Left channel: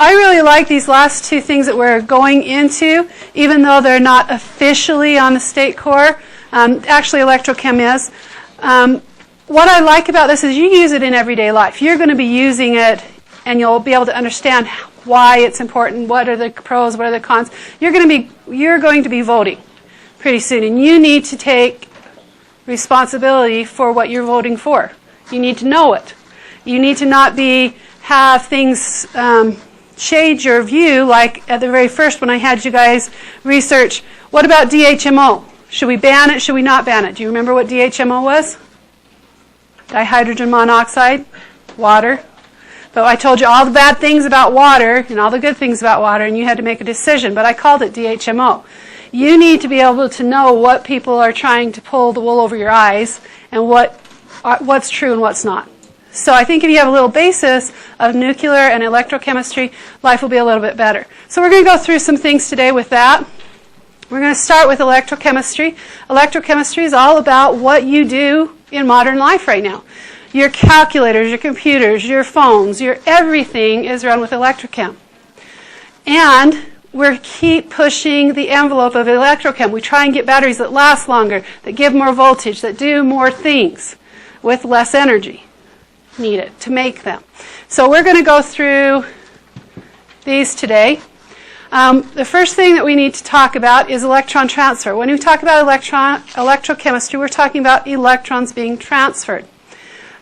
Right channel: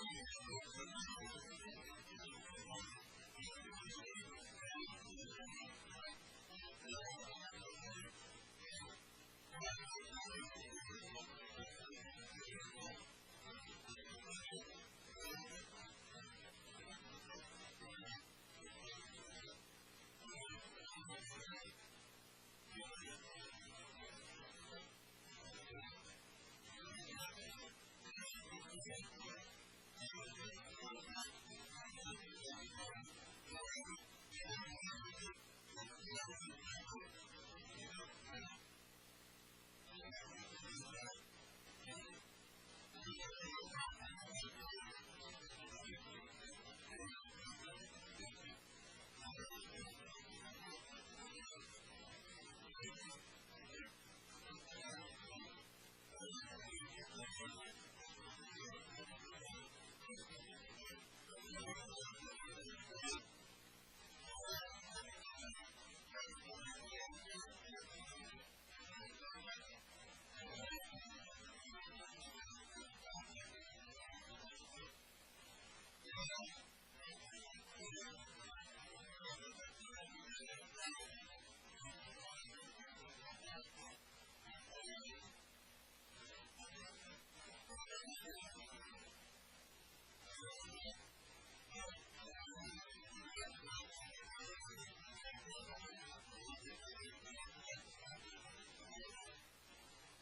I really like these last two things that we're going into, even though they're not officially on the state core. Actually, electrochem is. What I like about this is you use it in everyday life. You're going to be using it, and you'll be able to understand why it's important, what are the pros, what are the cons. You're going to be voting pretty soon, and you need to take responsibility for what you're voting for. You need to know it. You need to not have things shade your view, like at the very first when I had you guys research, what about DHMO? Should we ban it? Should we not ban it? Do you remember what DHMO was? Dihydrogen monoxide, water. But I told you all the bad things about water and all the good things about water, and you had to make a decision, but I called it DHMO. You need to be able to know what people are trying to pull the wool over your eyes and what's true and what's not. So I think if you have a little basis of nuclear and electrochemistry, life will be a little bit better. So we're going to go through some things today with that. We're going to start with electrochemistry. Electrochemistry is all about what you do in modern life right now. Your calculators, your computers, your phones, your everything is run with electrochem. And we keep pushing the envelope of electrochem. We try and get batteries that last longer, that give more voltage, that do more things with less energy needed to make them. So we're going to go through these today. The first thing that we need to talk about is electron transfer. When we talk about electrochemistry, we're talking about electrons being transferred.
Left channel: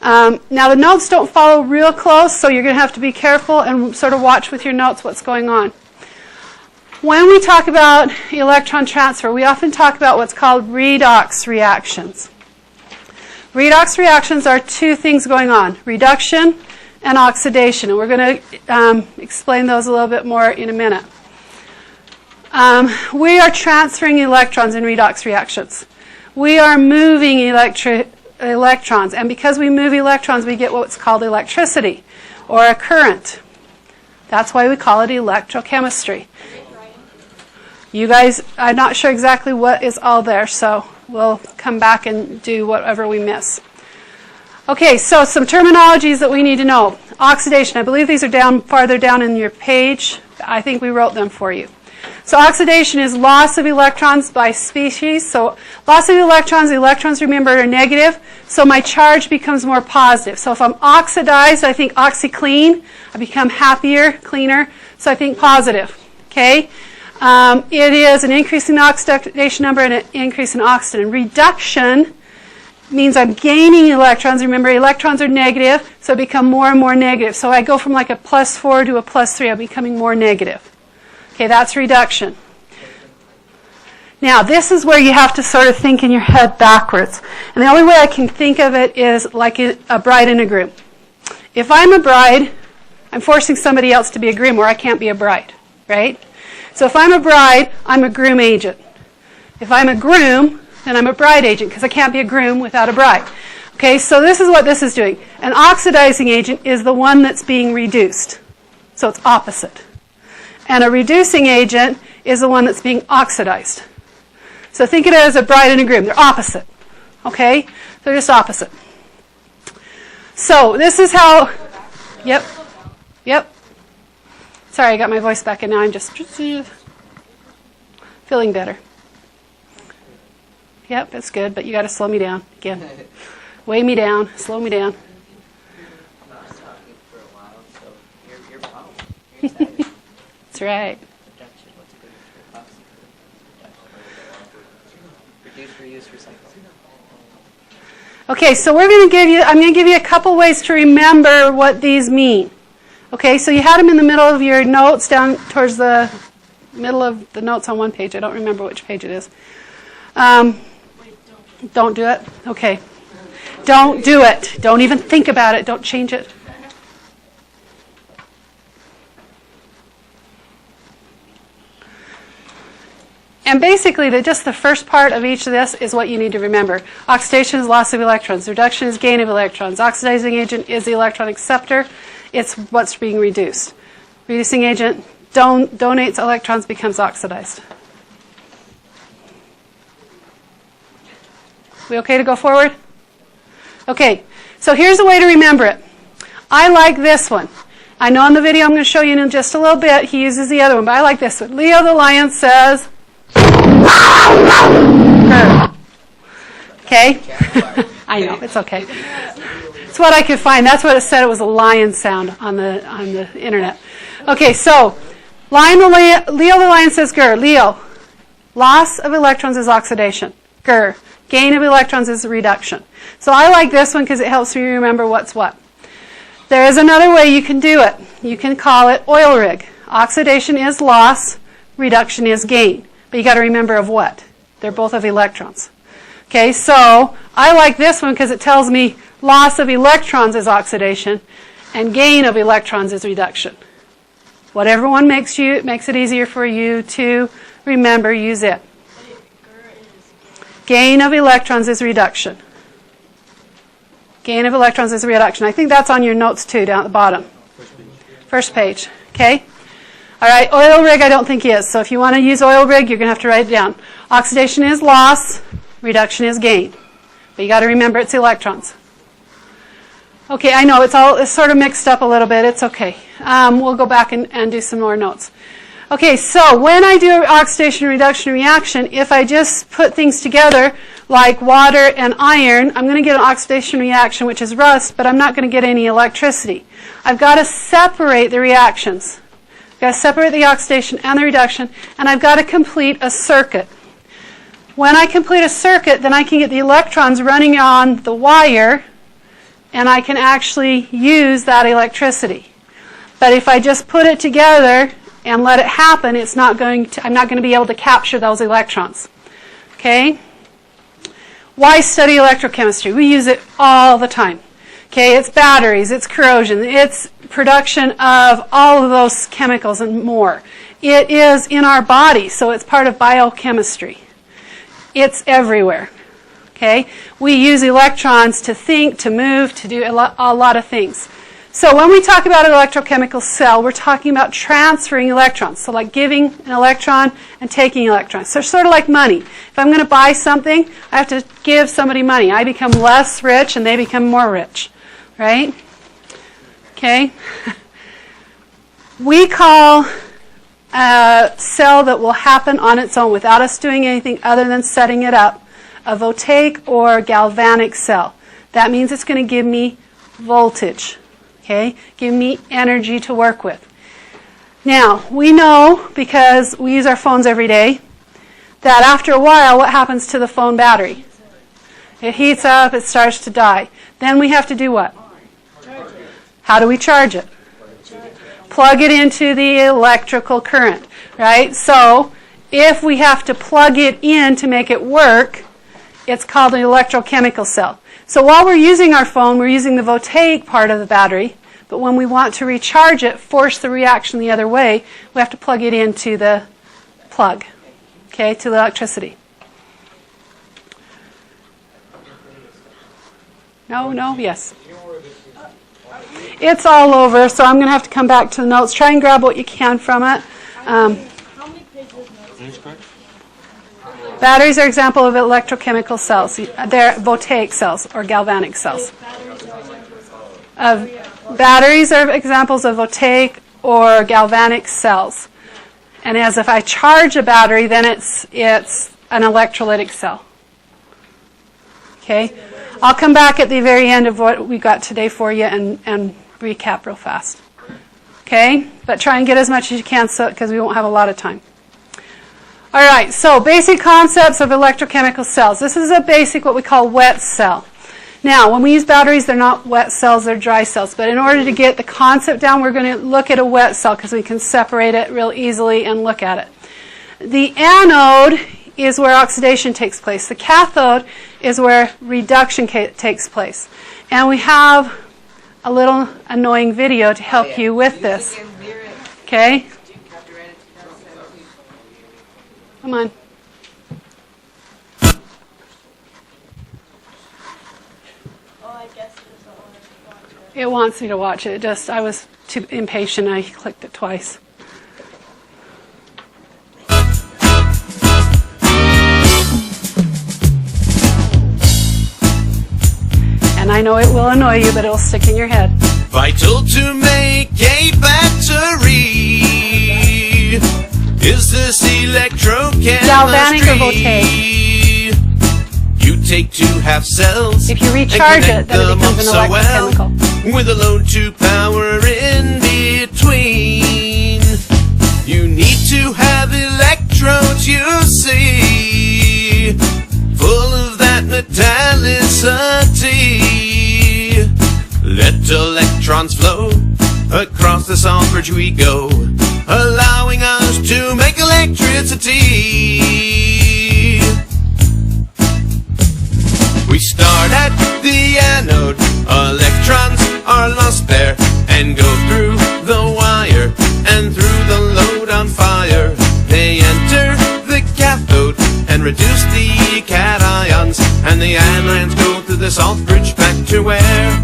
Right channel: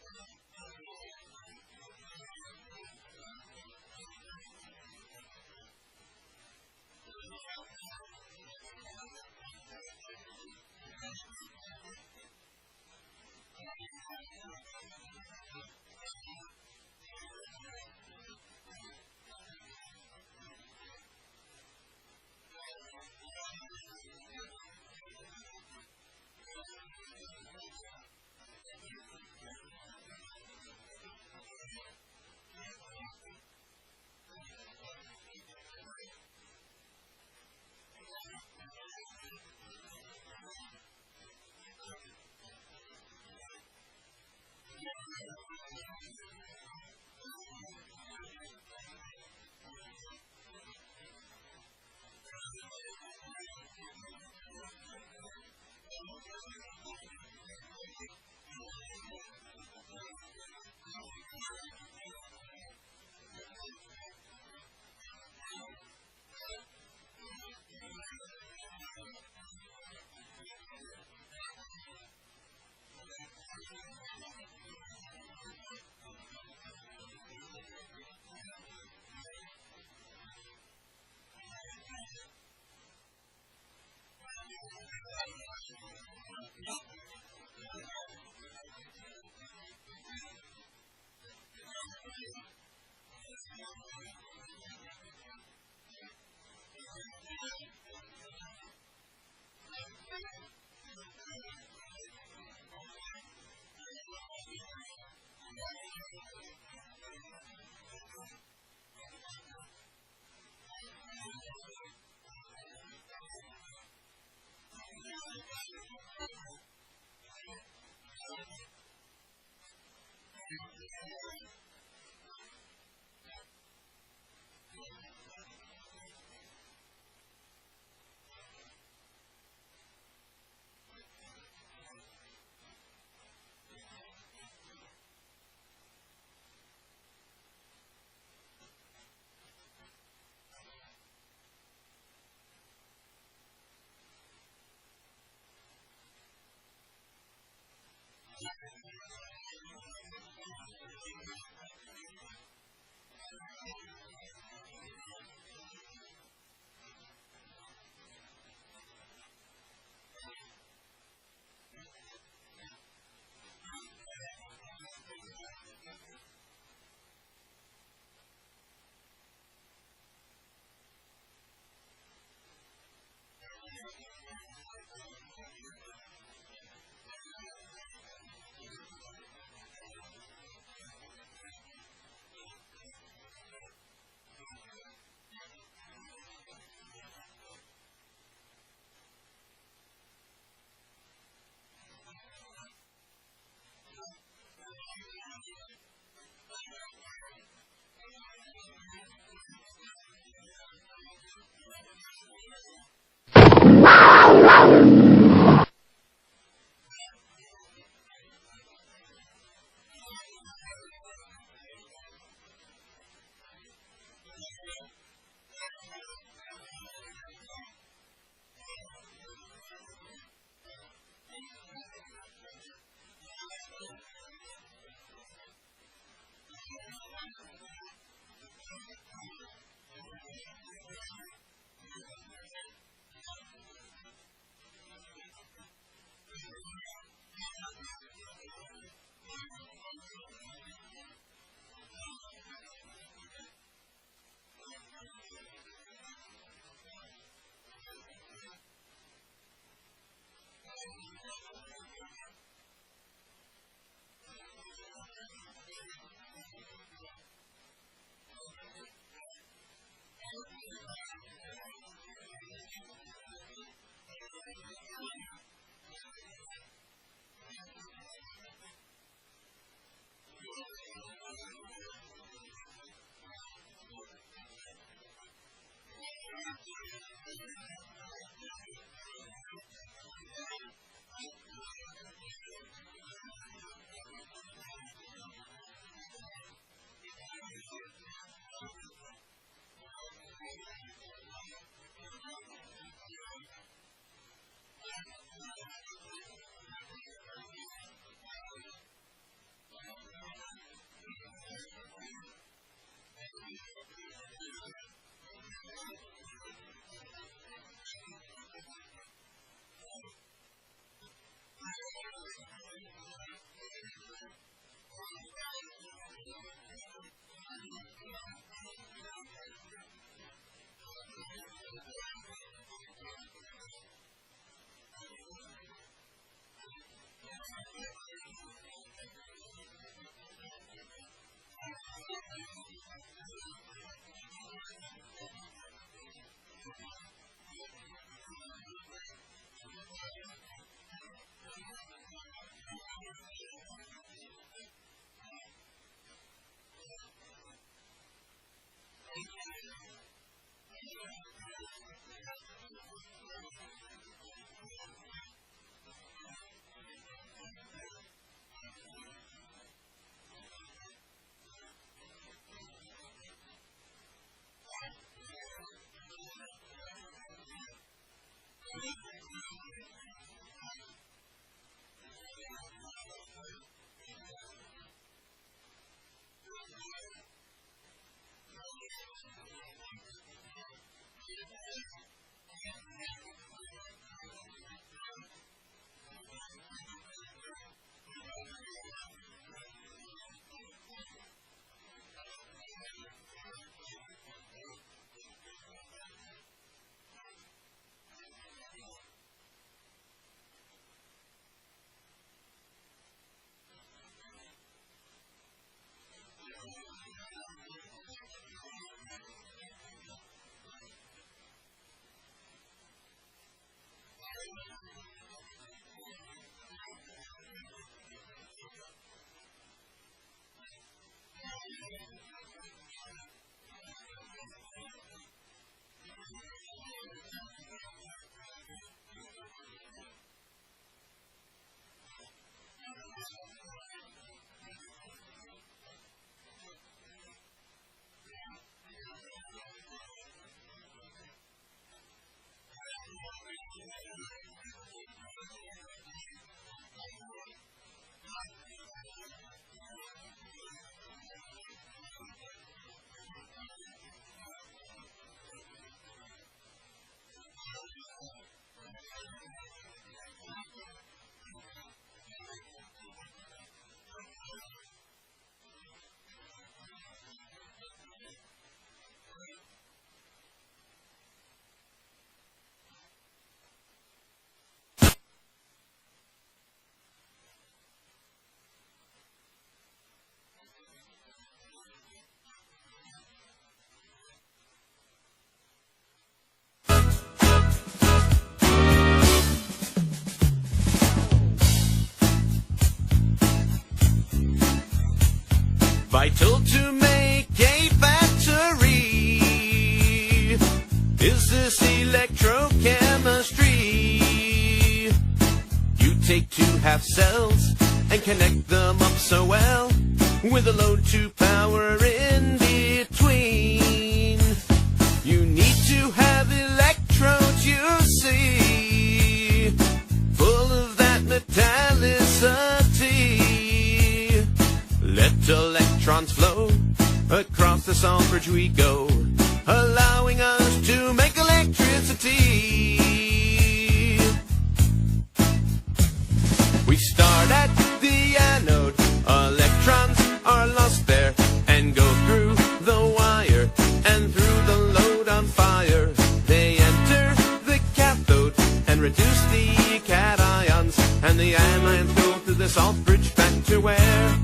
Now the notes don't follow real close, so you're going to have to be careful and sort of watch with your notes what's going on. When we talk about electron transfer, we often talk about what's called redox reactions. Redox reactions are two things going on, reduction and oxidation. And we're going to explain those a little bit more in a minute. We are transferring electrons in redox reactions. We are moving electrons. And because we move electrons, we get what's called electricity or a current. That's why we call it electrochemistry. You guys, I'm not sure exactly what is all there, so we'll come back and do whatever we miss. Okay, so some terminologies that we need to know. Oxidation, I believe these are farther down in your page. I think we wrote them for you. So oxidation is loss of electrons by species. So loss of electrons, remember, are negative. So my charge becomes more positive. So if I'm oxidized, I think oxyclean. I become happier, cleaner. So I think positive. Okay? It is an increase in oxidation number and an increase in oxygen. Reduction means I'm gaining electrons. Remember, electrons are negative, so I become more and more negative. So I go from like a +4 to a +3. I'm becoming more negative. Okay, that's reduction. Now, this is where you have to sort of think in your head backwards. And the only way I can think of it is like a bride and a groom. If I'm a bride, I'm forcing somebody else to be a groom, or I can't be a bride, right? So if I'm a bride, I'm a groom agent. If I'm a groom, then I'm a bride agent, because I can't be a groom without a bride. Okay, so this is what this is doing. An oxidizing agent is the one that's being reduced. So it's opposite. And a reducing agent is the one that's being oxidized. So think of it as a bride and a groom. They're opposite. Okay? They're just opposite. So this is how... Yep. Sorry, I got my voice back, and now I'm just feeling better. Yep, that's good, but you got to slow me down again. Weigh me down, slow me down. I was talking for a while, so you're fine. That's right. Reduce, reuse, recycle. Okay, so I'm going to give you a couple ways to remember what these mean. Okay, so you had them in the middle of your notes, down towards the middle of the notes on one page. I don't remember which page it is. Don't do it? Okay. Don't do it. Don't even think about it. Don't change it. And basically, just the first part of each of this is what you need to remember. Oxidation is loss of electrons. Reduction is gain of electrons. Oxidizing agent is the electron acceptor. It's what's being reduced. Reducing agent donates electrons, becomes oxidized. We okay to go forward? Okay, so here's a way to remember it. I like this one. I know in the video I'm going to show you in just a little bit, he uses the other one, but I like this one. Leo the lion says, grr. Okay? I know, it's okay. It's what I could find. That's what it said. It was a lion sound on the internet. Okay, so Leo the lion says grr. Leo, loss of electrons is oxidation. Grr. Gain of electrons is reduction. So I like this one because it helps me remember what's what. There is another way you can do it. You can call it oil rig. Oxidation is loss, reduction is gain. But you got to remember of what? They're both of electrons. Okay, so I like this one because it tells me loss of electrons is oxidation and gain of electrons is reduction. Whatever one makes it easier for you to remember, use it. Gain of electrons is reduction. Gain of electrons is reduction. I think that's on your notes too, down at the bottom. First page. Okay? All right, oil rig I don't think is. So if you want to use oil rig, you're going to have to write it down. Oxidation is loss. Reduction is gain. But you got to remember it's electrons. Okay, I know it's sort of mixed up a little bit. It's okay. We'll go back and do some more notes. Okay, so when I do an oxidation reduction reaction, if I just put things together like water and iron, I'm going to get an oxidation reaction, which is rust, but I'm not going to get any electricity. I've got to separate the reactions. I've got to separate the oxidation and the reduction, and I've got to complete a circuit. When I complete a circuit, then I can get the electrons running on the wire, and I can actually use that electricity. But if I just put it together and let it happen, I'm not going to be able to capture those electrons. Okay? Why study electrochemistry? We use it all the time. Okay, it's batteries, it's corrosion, it's production of all of those chemicals and more. It is in our body, so it's part of biochemistry. It's everywhere. Okay? We use electrons to think, to move, to do a lot of things. So when we talk about an electrochemical cell, we're talking about transferring electrons. So like giving an electron and taking electrons. So sort of like money. If I'm going to buy something, I have to give somebody money. I become less rich and they become more rich. Right? Okay? We call a cell that will happen on its own without us doing anything other than setting it up a voltaic or galvanic cell. That means it's going to give me voltage. Okay? Give me energy to work with. Now, we know, because we use our phones every day, that after a while, what happens to the phone battery? It heats up, it starts to die. Then we have to do what? How do we charge it? Plug it into the electrical current, right? So, if we have to plug it in to make it work, it's called an electrochemical cell. So while we're using our phone, we're using the voltaic part of the battery, but when we want to recharge it, force the reaction the other way, we have to plug it into the plug, okay, to the electricity. No, yes. It's all over, so I'm going to have to come back to the notes. Try and grab what you can from it. Batteries are an example of electrochemical cells. They're voltaic cells or galvanic cells. Batteries are examples of voltaic or galvanic cells. And as if I charge a battery, then it's an electrolytic cell. Okay? I'll come back at the very end of what we got today for you and recap real fast. Okay? But try and get as much as you can because we won't have a lot of time. All right, so basic concepts of electrochemical cells. This is a basic, what we call wet cell. Now, when we use batteries, they're not wet cells, they're dry cells. But in order to get the concept down, we're going to look at a wet cell because we can separate it real easily and look at it. The anode is where oxidation takes place. The cathode is where reduction takes place. And we have a little annoying video to help you with this. Okay? Come on. It wants me to watch it. I was too impatient. I clicked it twice. And I know it will annoy you, but it'll stick in your head. Vital to make a battery is this electrochemistry. Galvanic or voltaic? You take two half cells. If you recharge it, then it becomes an electrochemical. With a load to power in between. You need to have electrodes, you see, full of that metallicity. Let electrons flow across the salt bridge we go, allowing us to make electricity. We start at the anode, electrons are lost there, and go through the wire and through the load on fire. They enter the cathode and reduce the cations, and the anions go through the salt bridge back to where?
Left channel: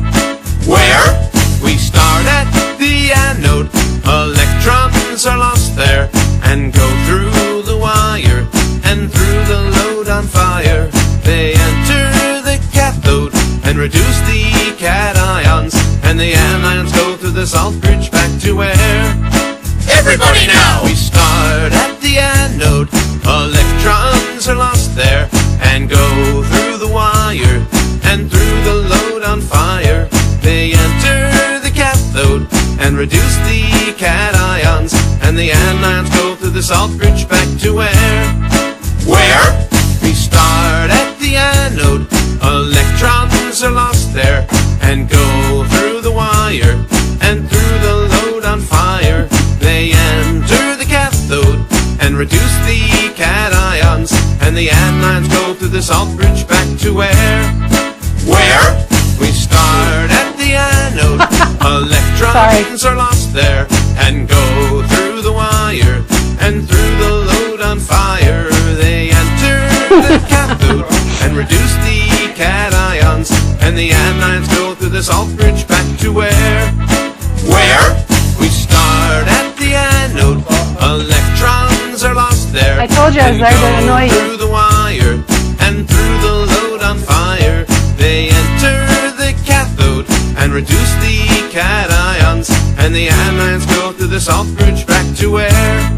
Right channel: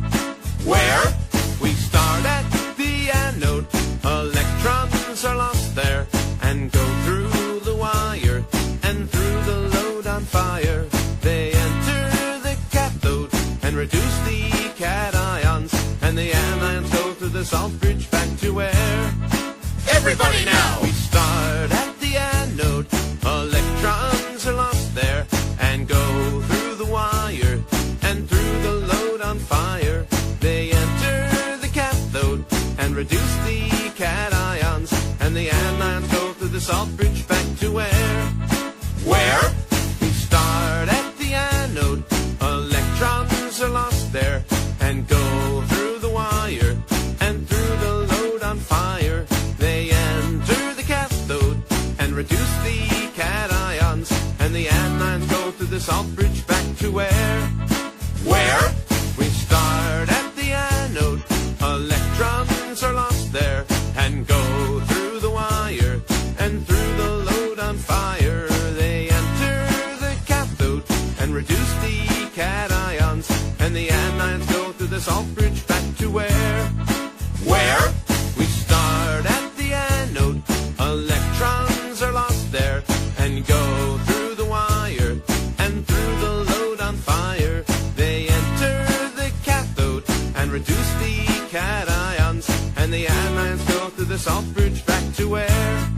Where? We start at the anode, electrons are lost there, and go through the wire and through the load on fire. They enter the cathode and reduce the cations, and the anions go through the salt bridge back to where? Everybody now! We start at the anode, electrons are lost there, and go through the wire and through the load on fire. They enter the cathode and reduce the cations, and the anions go through the salt bridge back to where? Where? We start at the anode, electrons are lost there, and go through the wire and through the load on fire. They enter the cathode and reduce the cations, and the anions go through the salt bridge back to where? Where? We start at the anode, electrons are lost there, and go through the wire and through the load on fire. They enter the cathode and reduce the cations, and the anions go through the salt bridge back to where? Where? We start at the anode, electrons are lost there. I told you I was there to annoy you. Through the wire and through the load on fire. They enter the cathode and reduce the cations, and the anions go through the salt bridge back to where?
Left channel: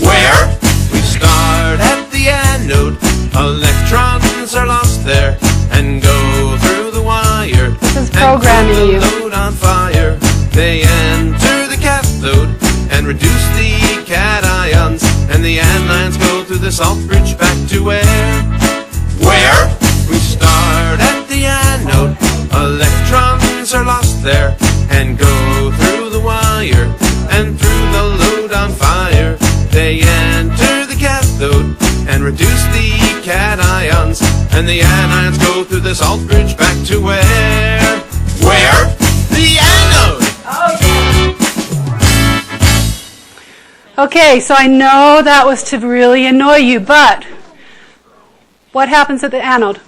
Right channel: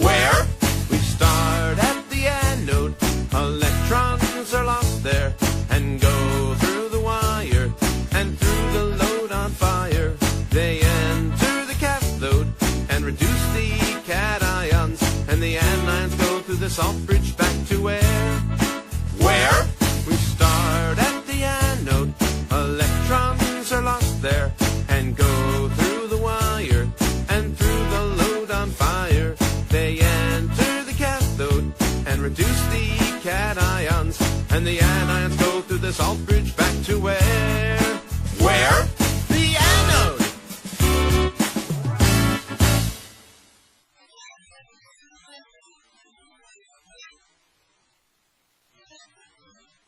Where? We start at the anode, electrons are lost there, and go through the wire This is programming and you. through the load on fire. They enter the cathode and reduce the cations, and the anions go through the salt bridge back to where? Where? We start at the anode, electrons are lost there, and go through the wire and through the load on fire. They enter the cathode and reduce the cations, and the anions go through the salt bridge back to where? Where? The anode! Okay, so I know that was to really annoy you, but what happens at the anode?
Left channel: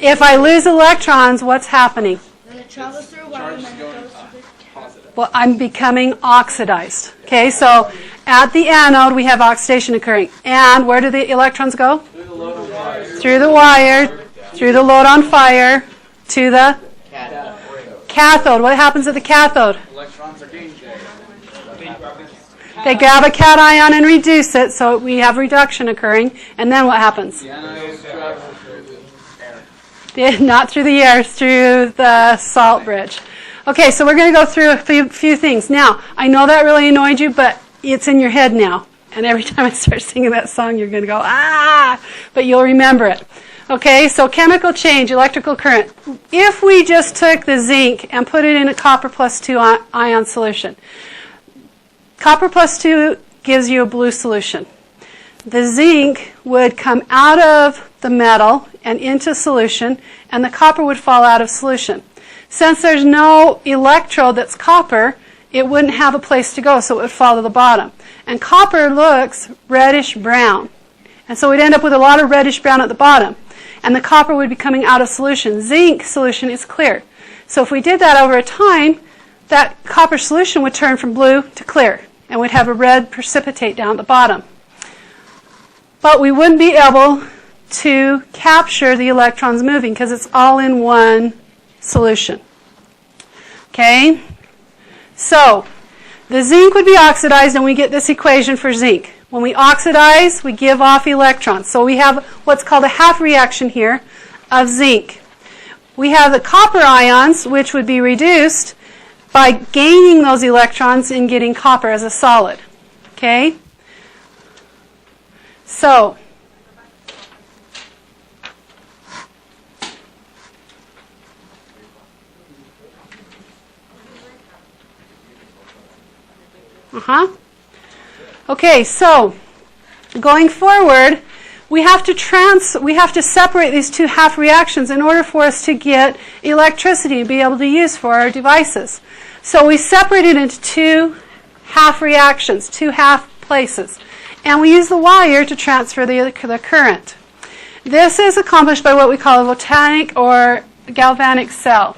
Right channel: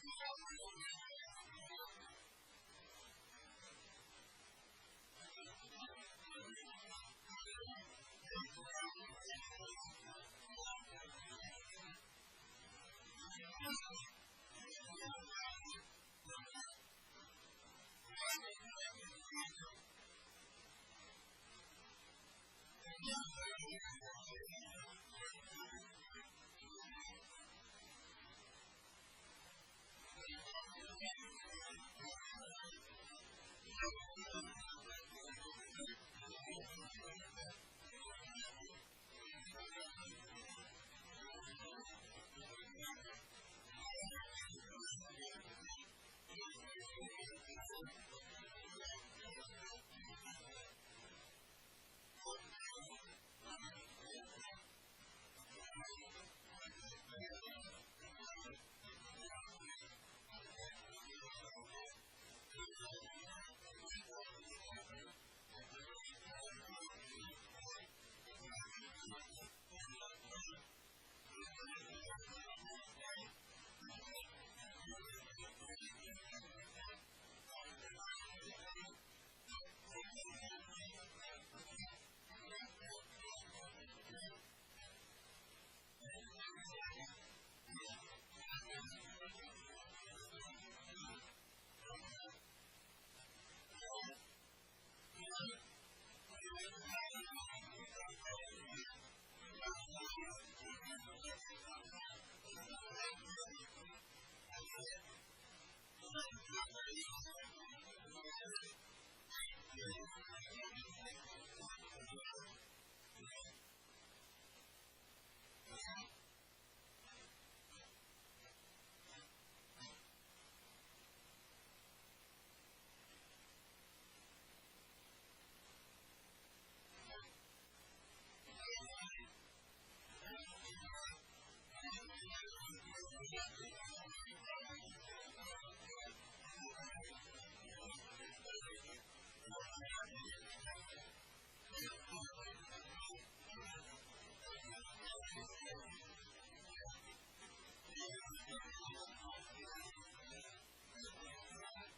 If I lose electrons, what's happening? It travels through wire and then it goes to the cathode. Well, I'm becoming oxidized. Okay, so at the anode, we have oxidation occurring. And where do the electrons go? Through the wire, through the load on fire, to the cathode. What happens at the cathode? They grab a cation and reduce it, so we have reduction occurring. And then what happens? Not through the air, through the salt bridge. Okay, so we're going to go through a few things. Now, I know that really annoyed you, but it's in your head now. And every time I start singing that song, you're going to go, ah! But you'll remember it. Okay, so chemical change, electrical current. If we just took the zinc and put it in a copper plus 2 ion solution, copper plus 2 gives you a blue solution. The zinc would come out of the metal and into solution, and the copper would fall out of solution. Since there's no electrode that's copper, it wouldn't have a place to go, so it would fall to the bottom. And copper looks reddish-brown. And so we'd end up with a lot of reddish-brown at the bottom. And the copper would be coming out of solution. Zinc solution is clear. So if we did that over a time, that copper solution would turn from blue to clear. And we'd have a red precipitate down at the bottom. But we wouldn't be able to capture the electrons moving because it's all in one solution. Okay? So, the zinc would be oxidized and we get this equation for zinc. When we oxidize, we give off electrons. So we have what's called a half reaction here of zinc. We have the copper ions, which would be reduced by gaining those electrons and getting copper as a solid. Okay? So, okay, so going forward, we have to separate these two half reactions in order for us to get electricity to be able to use for our devices. So we separate it into two half reactions, two half places, and we use the wire to transfer the current. This is accomplished by what we call a voltaic or galvanic cell.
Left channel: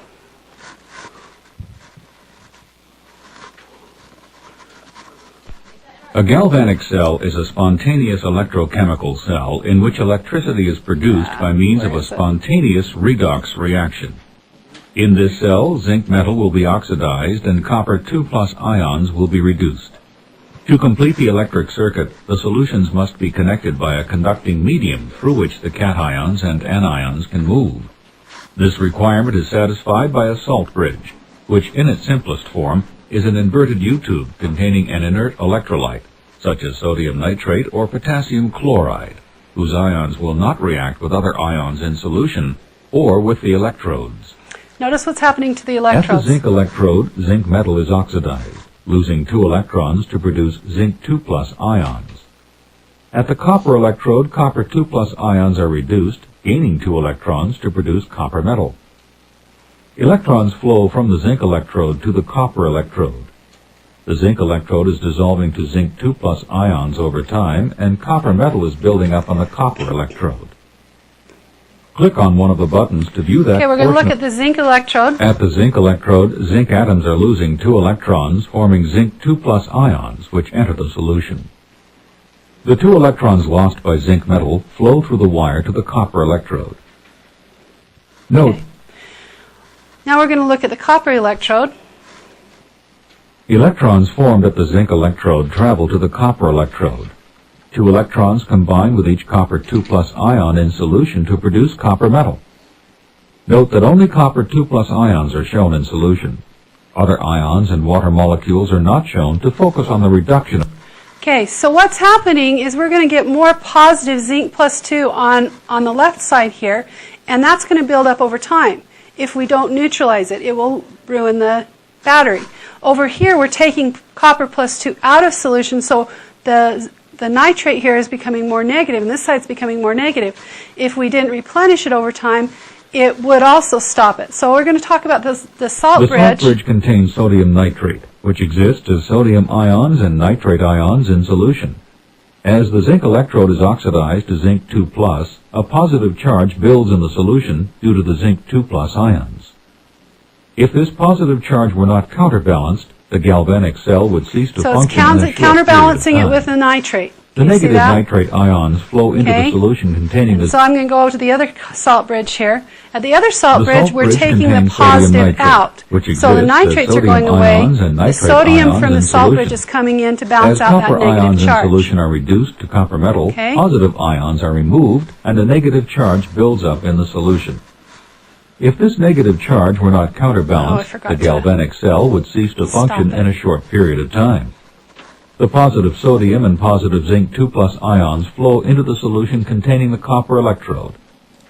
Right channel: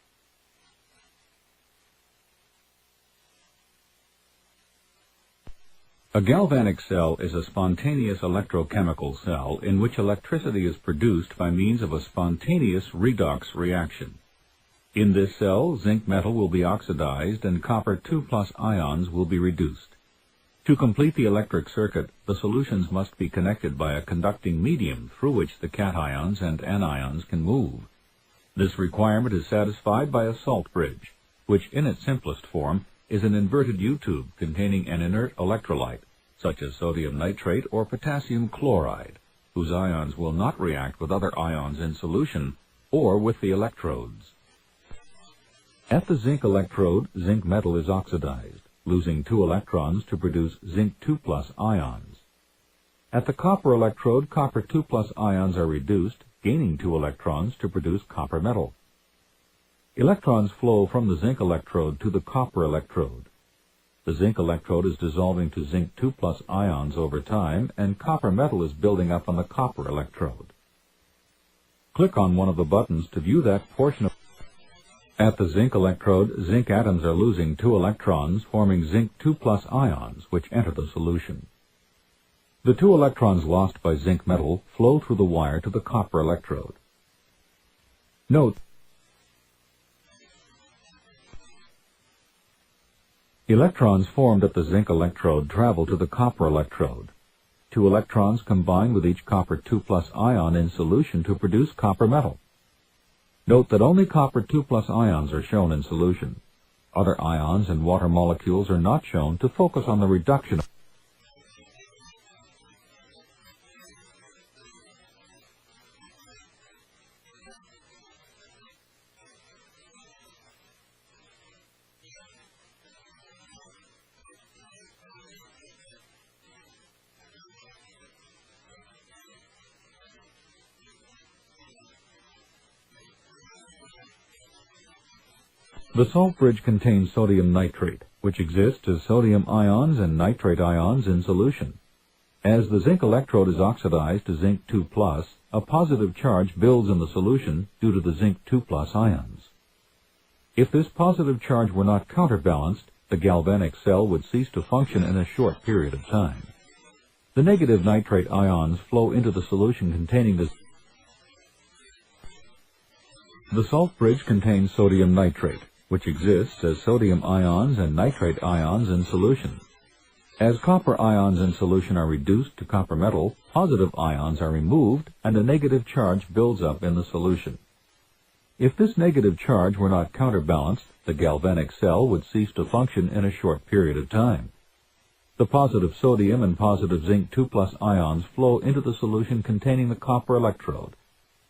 A galvanic cell is a spontaneous electrochemical cell in which electricity is produced by means of a spontaneous redox reaction. In this cell, zinc metal will be oxidized and copper 2+ ions will be reduced. To complete the electric circuit, the solutions must be connected by a conducting medium through which the cations and anions can move. This requirement is satisfied by a salt bridge, which in its simplest form is an inverted U-tube containing an inert electrolyte, such as sodium nitrate or potassium chloride, whose ions will not react with other ions in solution or with the electrodes. Notice what's happening to the At electrodes. the zinc electrode, zinc metal is oxidized, losing 2 electrons to produce zinc 2+ ions. At the copper electrode, copper 2+ ions are reduced, gaining 2 electrons to produce copper metal. Electrons flow from the zinc electrode to the copper electrode. The zinc electrode is dissolving to zinc 2+ ions over time, and copper metal is building up on the copper electrode. Click on one of the buttons to view that Okay, we're going to portion look at the zinc electrode. At the zinc electrode, zinc atoms are losing 2 electrons, forming zinc 2+ ions, which enter the solution. The 2 electrons lost by zinc metal flow through the wire to the copper electrode. Note, Okay. Now we're going to look at the copper electrode. electrons formed at the zinc electrode travel to the copper electrode. 2 electrons combine with each copper 2+ ion in solution to produce copper metal. Note that only copper 2+ ions are shown in solution. Other ions and water molecules are not shown to focus on the reduction of Okay, so what's happening is we're going to get more positive zinc plus 2 on the left side here, and that's going to build up over time. If we don't neutralize it, it will ruin the battery. Over here, we're taking copper plus 2 out of solution, so the nitrate here is becoming more negative, and this side's becoming more negative. If we didn't replenish it over time, it would also stop it. So we're going to talk about the salt The salt bridge. bridge contains sodium nitrate, which exists as sodium ions and nitrate ions in solution. As the zinc electrode is oxidized to zinc 2+, a positive charge builds in the solution due to the zinc 2+ ions. If this positive charge were not counterbalanced, the galvanic cell would cease to So it's function in a short counterbalancing period it of with time. the nitrate. The You see negative that? nitrate ions flow into Okay. the solution containing the So I'm going to go to the other salt bridge here. At the other salt The bridge, salt we're bridge taking the contains sodium positive nitrate, out. which So the exists as nitrates are sodium going away. ions and The nitrate sodium ions from the in salt bridge solution. is coming in to As balance out that copper ions negative in charge. solution are reduced to copper metal, Okay. positive ions are removed and a negative charge builds up in the solution. If this negative charge were not Oh, I counterbalanced, forgot the to galvanic cell would cease to stop function it. in a short period of time. The positive sodium and positive zinc 2+ ions flow into the solution containing the copper electrode,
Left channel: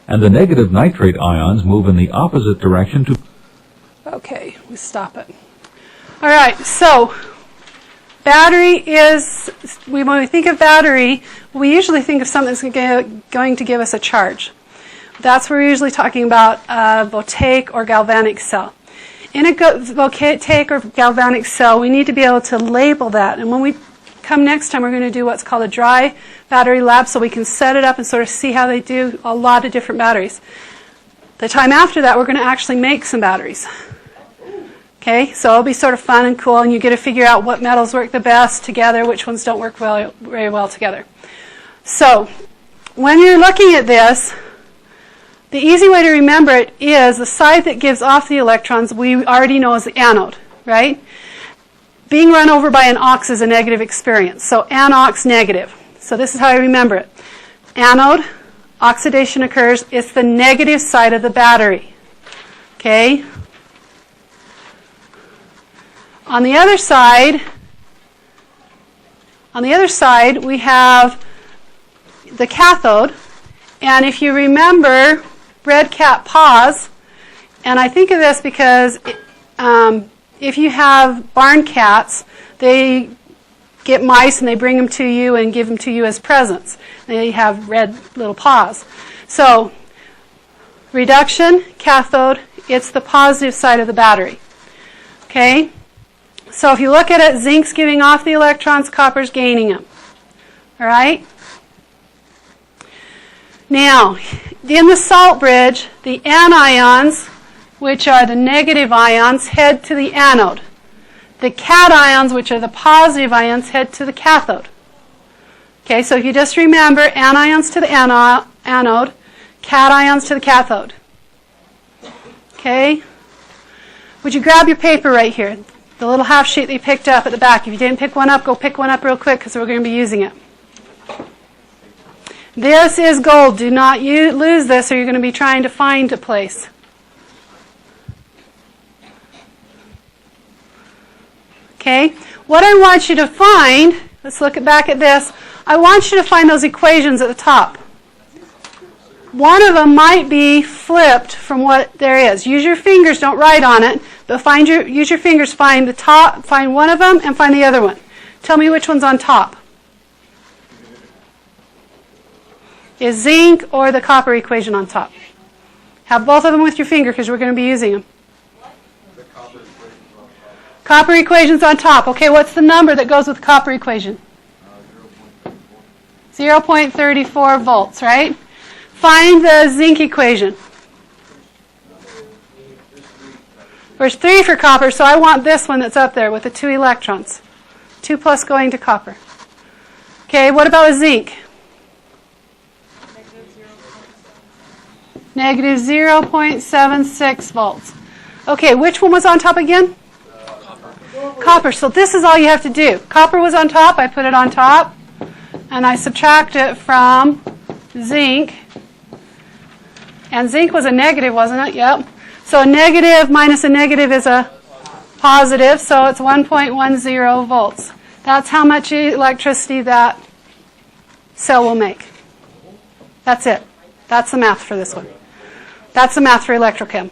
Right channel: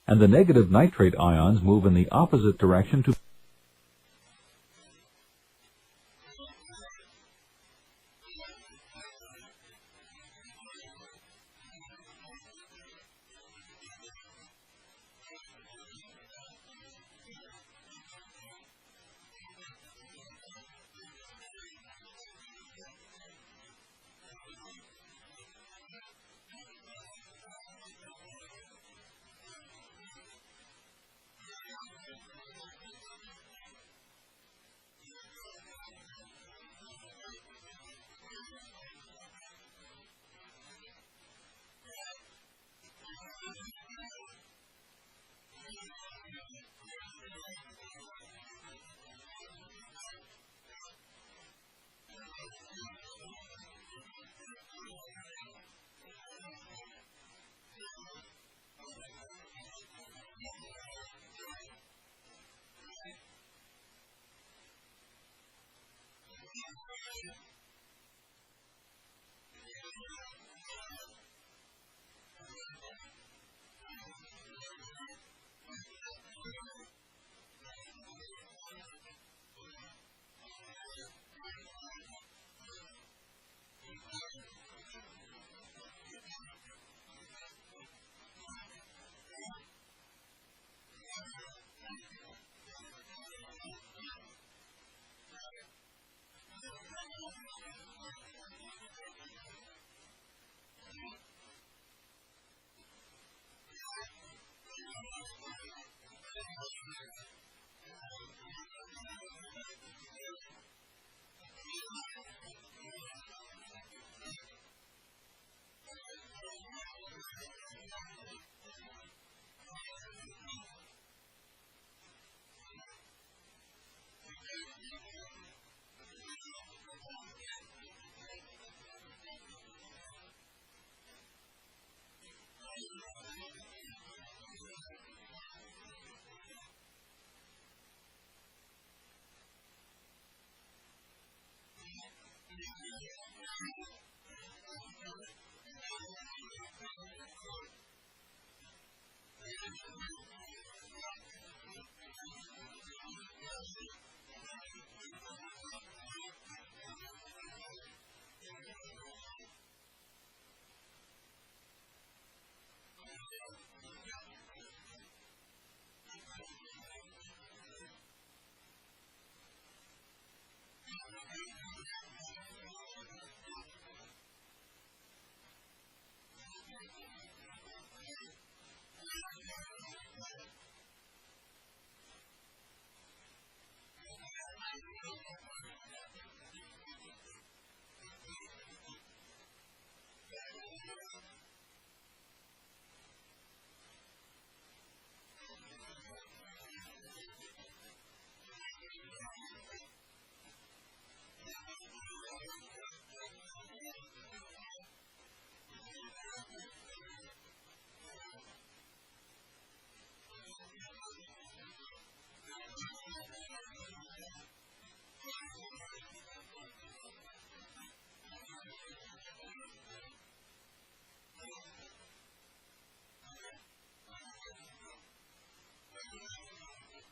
and the negative nitrate ions move in the opposite direction to Okay, we stop it. All right, so battery is, when we think of battery, we usually think of something that's going to give us a charge. That's what we're usually talking about, a voltaic or galvanic cell. In a voltaic or galvanic cell, we need to be able to label that. And when we come next time, we're going to do what's called a dry battery lab, so we can set it up and sort of see how they do a lot of different batteries. The time after that, we're going to actually make some batteries. Okay, so it'll be sort of fun and cool, and you get to figure out what metals work the best together, which ones don't work very well together. So, when you're looking at this, The easy way to remember it is the side that gives off the electrons we already know is the anode, right? Being run over by an ox is a negative experience, so anox negative. So this is how I remember it. Anode, oxidation occurs, it's the negative side of the battery. Okay? On the other side, we have the cathode, and if you remember red cat paws, and I think of this because if you have barn cats, they get mice and they bring them to you and give them to you as presents. They have red little paws. So reduction, cathode, it's the positive side of the battery. Okay? So if you look at it, zinc's giving off the electrons, copper's gaining them. All right? Now, in the salt bridge, the anions, which are the negative ions, head to the anode. The cations, which are the positive ions, head to the cathode. Okay, so if you just remember, anions to the anode, cations to the cathode. Okay? Would you grab your paper right here? The little half sheet that you picked up at the back. If you didn't pick one up, go pick one up real quick because we're going to be using it. This is gold. Do not lose this or you're going to be trying to find a place. Okay? What I want you to find, let's look back at this. I want you to find those equations at the top. One of them might be flipped from what there is. Use your fingers, don't write on it, but use your fingers, find the top, find one of them and find the other one. Tell me which one's on top. Is zinc or the copper equation on top? Have both of them with your finger because we're going to be using them. The copper equation's on top. Copper equation's on top. Okay, what's the number that goes with the copper equation? 0.34 volts, right? Find the zinc equation. There's 3 for copper, so I want this one that's up there with the 2 electrons. 2 plus going to copper. Okay, what about a zinc? Negative 0.76 volts. Okay, which one was on top again? Copper. So this is all you have to do. Copper was on top, I put it on top, and I subtract it from zinc. And zinc was a negative, wasn't it? Yep. So a negative minus a negative is a positive, so it's 1.10 volts. That's how much electricity that cell will make. That's it. That's the math for this one. That's the math for electrochem.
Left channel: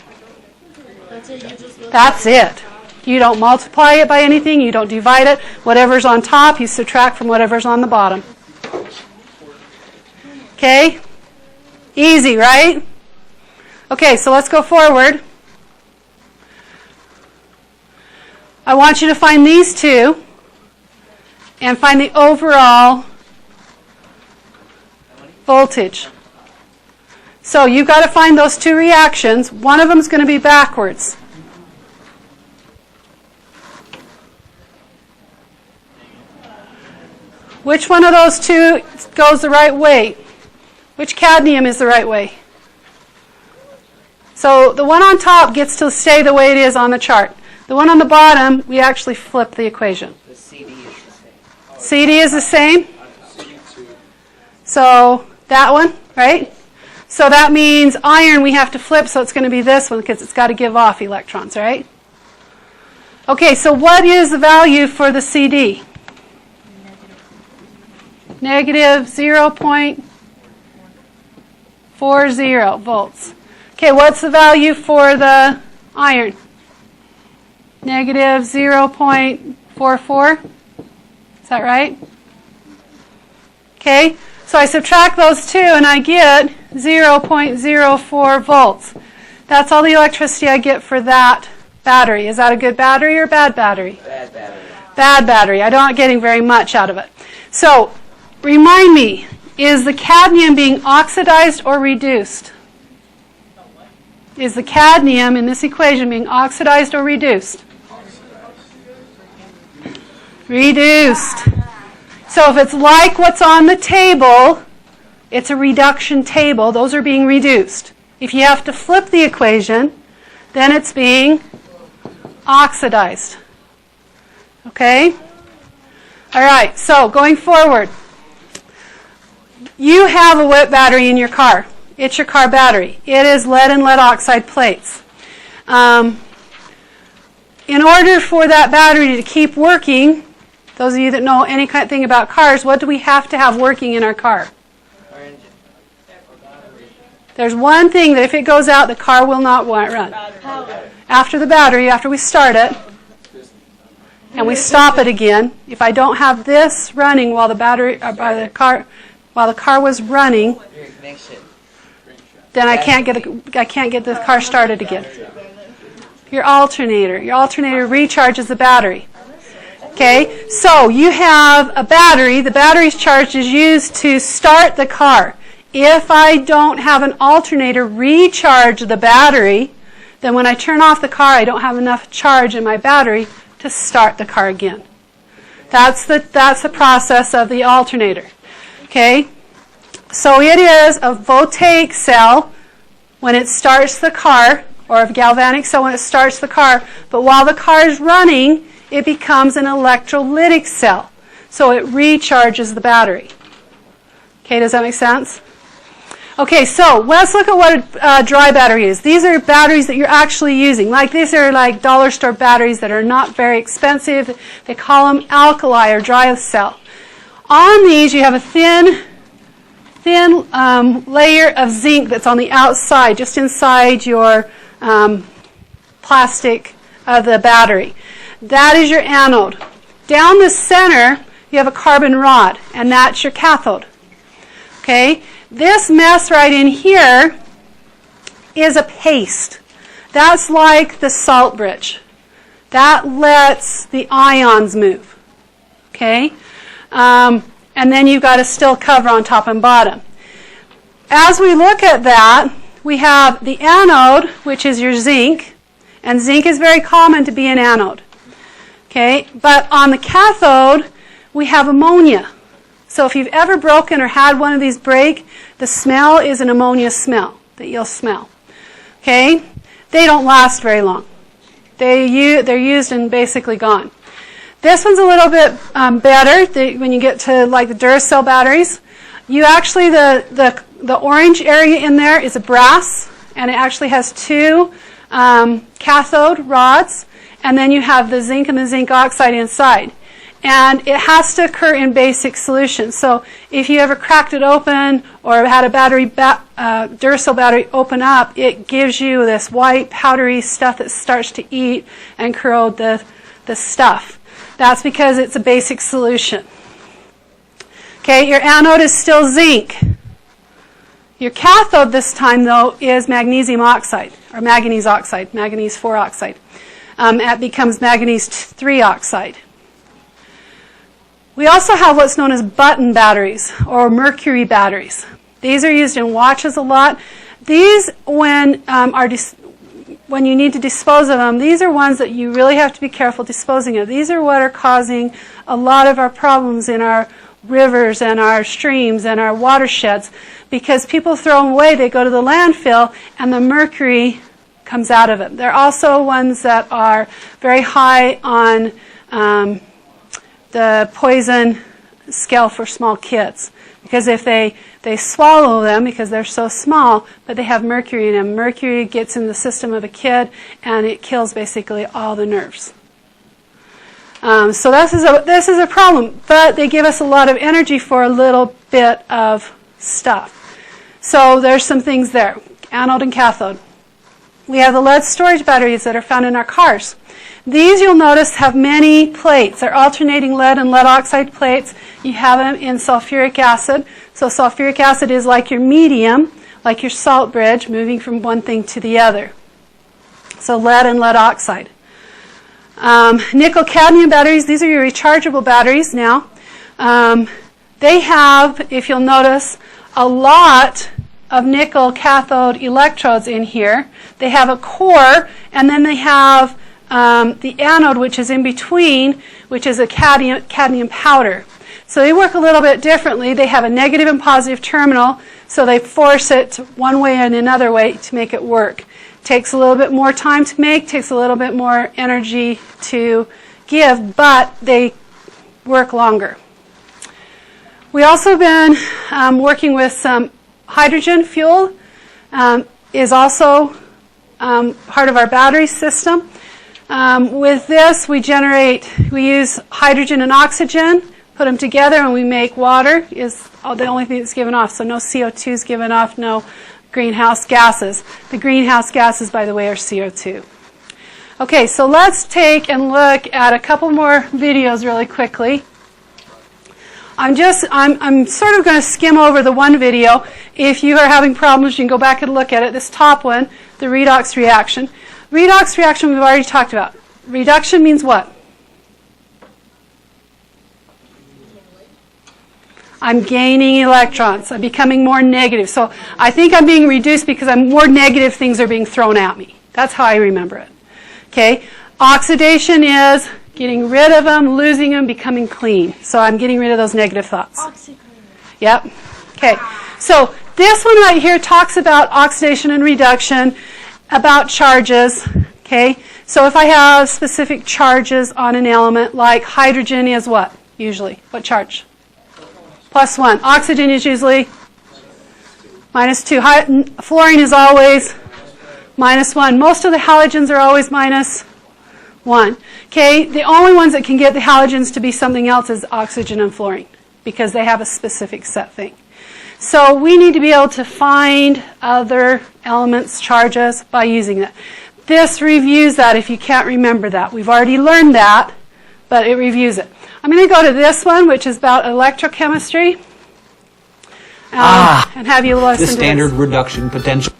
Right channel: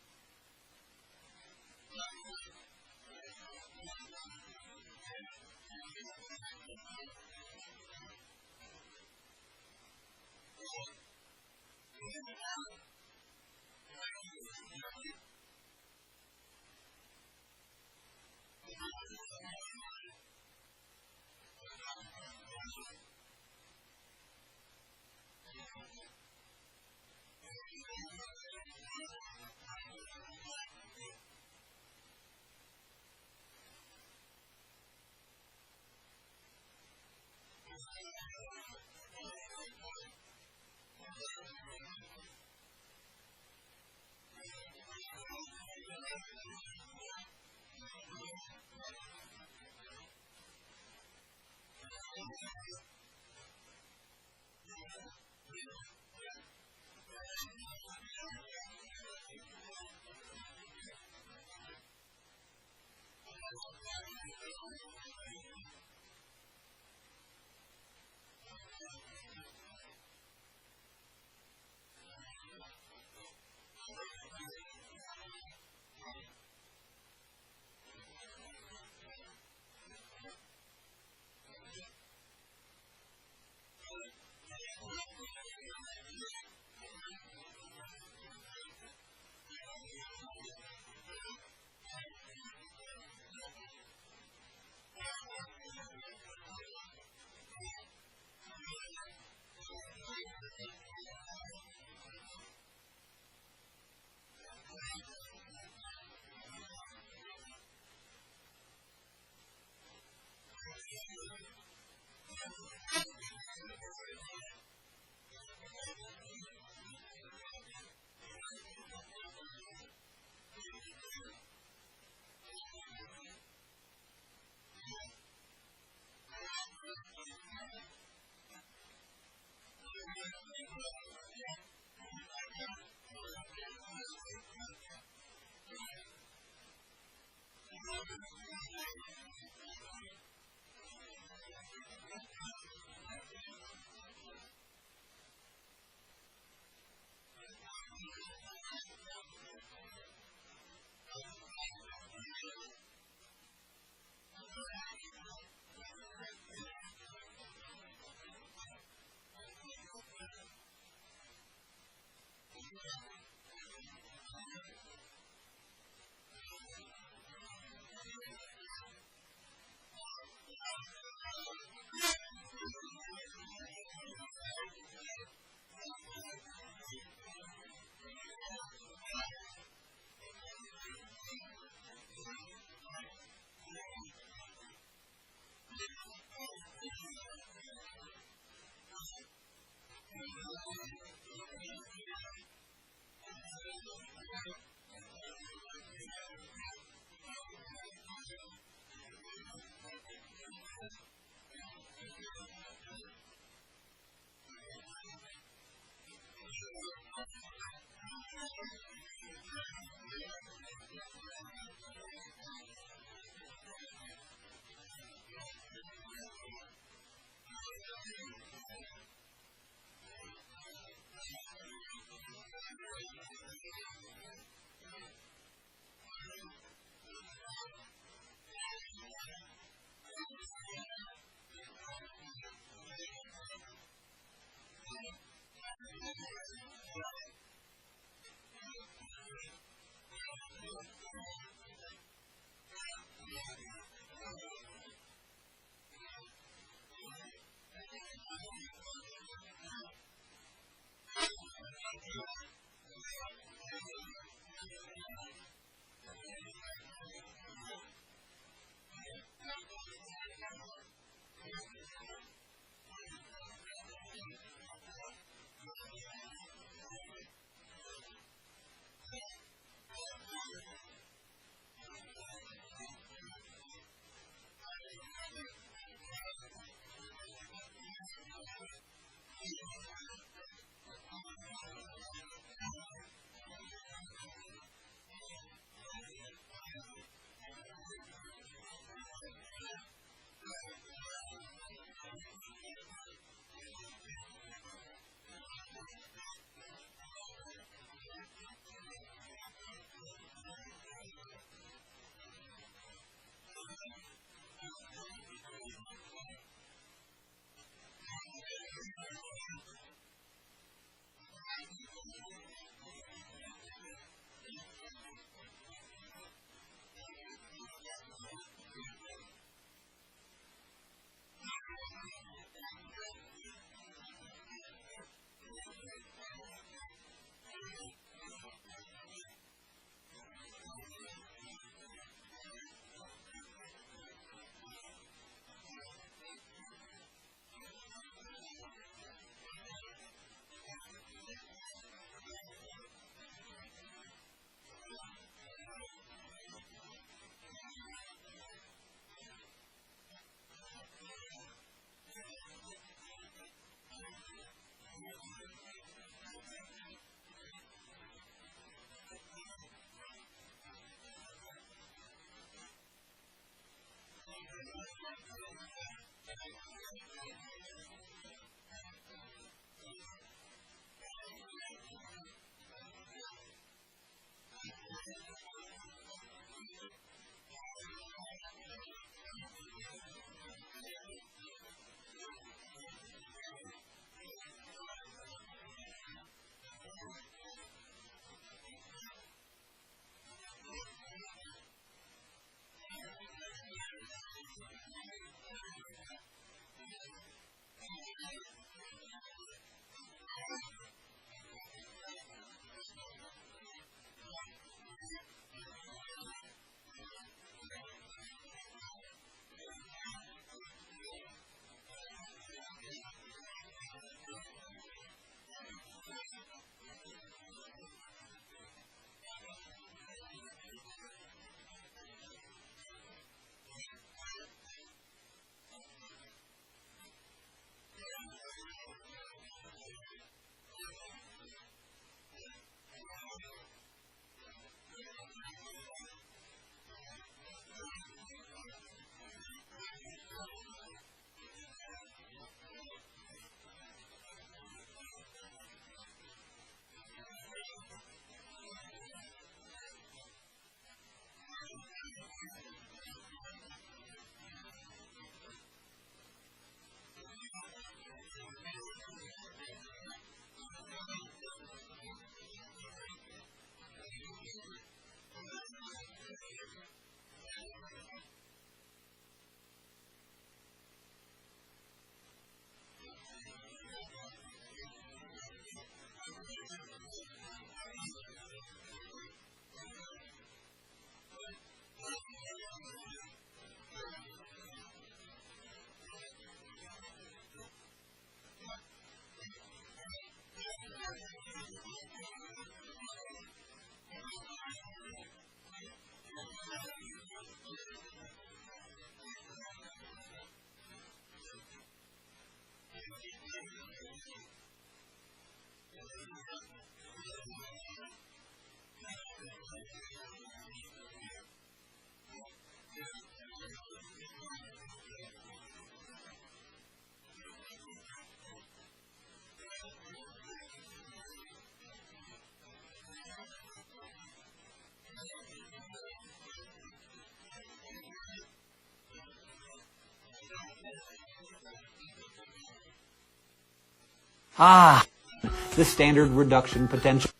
That's it. You don't multiply it by anything. You don't divide it. Whatever's on top, you subtract from whatever's on the bottom. Okay? Easy, right? Okay, so let's go forward. I want you to find these two and find the overall voltage. So you've got to find those 2 reactions. One of them is going to be backwards. Which one of those 2 goes the right way? Which cadmium is the right way? So the one on top gets to stay the way it is on the chart. The one on the bottom, we actually flip the equation. The CD is the same. CD is the same? So that one, right? So that means iron we have to flip, so it's going to be this one because it's got to give off electrons, right? Okay, so what is the value for the CD? Negative 0.40 volts. Okay, what's the value for the iron? Negative 0.44. Is that right? Okay, so I subtract those 2 and I get 0.04 volts. That's all the electricity I get for that battery. Is that a good battery or bad battery? Bad battery. Bad battery. I'm not getting very much out of it. So, remind me, is the cadmium being oxidized or reduced? Is the cadmium in this equation being oxidized or reduced? Reduced. So if it's like what's on the table, it's a reduction table. Those are being reduced. If you have to flip the equation, then it's being oxidized. Okay? All right, so going forward, you have a wet battery in your car. It's your car battery. It is lead and lead oxide plates. In order for that battery to keep working, those of you that know any kind of thing about cars, what do we have to have working in our car? There's one thing that if it goes out, the car will not run. After the battery, after we start it, and we stop it again, if I don't have this running while the car was running, then I can't get the car started again. Your alternator recharges the battery. Okay, so you have a battery. The battery's charge is used to start the car. If I don't have an alternator recharge the battery, then when I turn off the car, I don't have enough charge in my battery to start the car again. That's the process of the alternator. Okay, so it is a voltaic cell when it starts the car, or a galvanic cell when it starts the car, but while the car is running, it becomes an electrolytic cell. So it recharges the battery. Okay, does that make sense? Okay, so let's look at what a dry battery is. These are batteries that you're actually using. These are like dollar store batteries that are not very expensive. They call them alkali or dry cell. On these, you have a thin layer of zinc that's on the outside, just inside your plastic of the battery. That is your anode. Down the center, you have a carbon rod, and that's your cathode. Okay? This mess right in here is a paste. That's like the salt bridge. That lets the ions move. Okay? And then you've got a still cover on top and bottom. As we look at that, we have the anode, which is your zinc, and zinc is very common to be an anode. Okay? But on the cathode, we have ammonia. So if you've ever broken or had one of these break, the smell is an ammonia smell that you'll smell. Okay? They don't last very long. They're used and basically gone. This one's a little bit better when you get to like the Duracell batteries. You actually, the orange area in there is a brass, and it actually has two cathode rods, and then you have the zinc and the zinc oxide inside. And it has to occur in basic solution. So if you ever cracked it open or had a Duracell battery open up, it gives you this white powdery stuff that starts to eat and corrode the stuff. That's because it's a basic solution. Okay, your anode is still zinc. Your cathode this time, though, is magnesium oxide, or manganese oxide, manganese 4 oxide. It becomes manganese 3 oxide. We also have what's known as button batteries or mercury batteries. These are used in watches a lot. These, when you need to dispose of them, these are ones that you really have to be careful disposing of. These are what are causing a lot of our problems in our rivers and our streams and our watersheds, because people throw them away, they go to the landfill, and the mercury comes out of it. They're also ones that are very high on the poison scale for small kids, because if they swallow them because they're so small, but they have mercury in them. Mercury gets in the system of a kid, and it kills basically all the nerves. So this is a problem, but they give us a lot of energy for a little bit of stuff. So there's some things there, anode and cathode. We have the lead storage batteries that are found in our cars. These, you'll notice, have many plates. They're alternating lead and lead oxide plates. You have them in sulfuric acid. So sulfuric acid is like your medium, like your salt bridge, moving from one thing to the other. So lead and lead oxide. Nickel-cadmium batteries, these are your rechargeable batteries now. They have, if you'll notice, a lot of nickel cathode electrodes in here. They have a core, and then they have the anode, which is in between, which is a cadmium powder. So they work a little bit differently. They have a negative and positive terminal, so they force it one way and another way to make it work. Takes a little bit more time to make, takes a little bit more energy to give, but they work longer. We also been working with some hydrogen fuel, is also part of our battery system. With this, we use hydrogen and oxygen, put them together, and we make water. Is the only thing that's given off. So no CO2 is given off, no greenhouse gases. The greenhouse gases, by the way, are CO2. Okay, so let's take and look at a couple more videos really quickly. I'm sort of going to skim over the one video. If you are having problems, you can go back and look at it. This top one, the redox reaction. Redox reaction we've already talked about. Reduction means what? I'm gaining electrons. I'm becoming more negative. So I think I'm being reduced because more negative things are being thrown at me. That's how I remember it. Okay? Oxidation is getting rid of them, losing them, becoming clean. So I'm getting rid of those negative thoughts. Yep. Okay. So this one right here talks about oxidation and reduction, about charges. Okay. So if I have specific charges on an element, like hydrogen is what? Usually. What charge? +1. Oxygen is usually -2. Fluorine is always -1. Most of the halogens are always -1. Okay, the only ones that can get the halogens to be something else is oxygen and fluorine because they have a specific set thing. So we need to be able to find other elements, charges, by using that. This reviews that if you can't remember that. We've already learned that, but it reviews it. I'm going to go to this one, which is about electrochemistry, and have you listen to this. The standard reduction potential.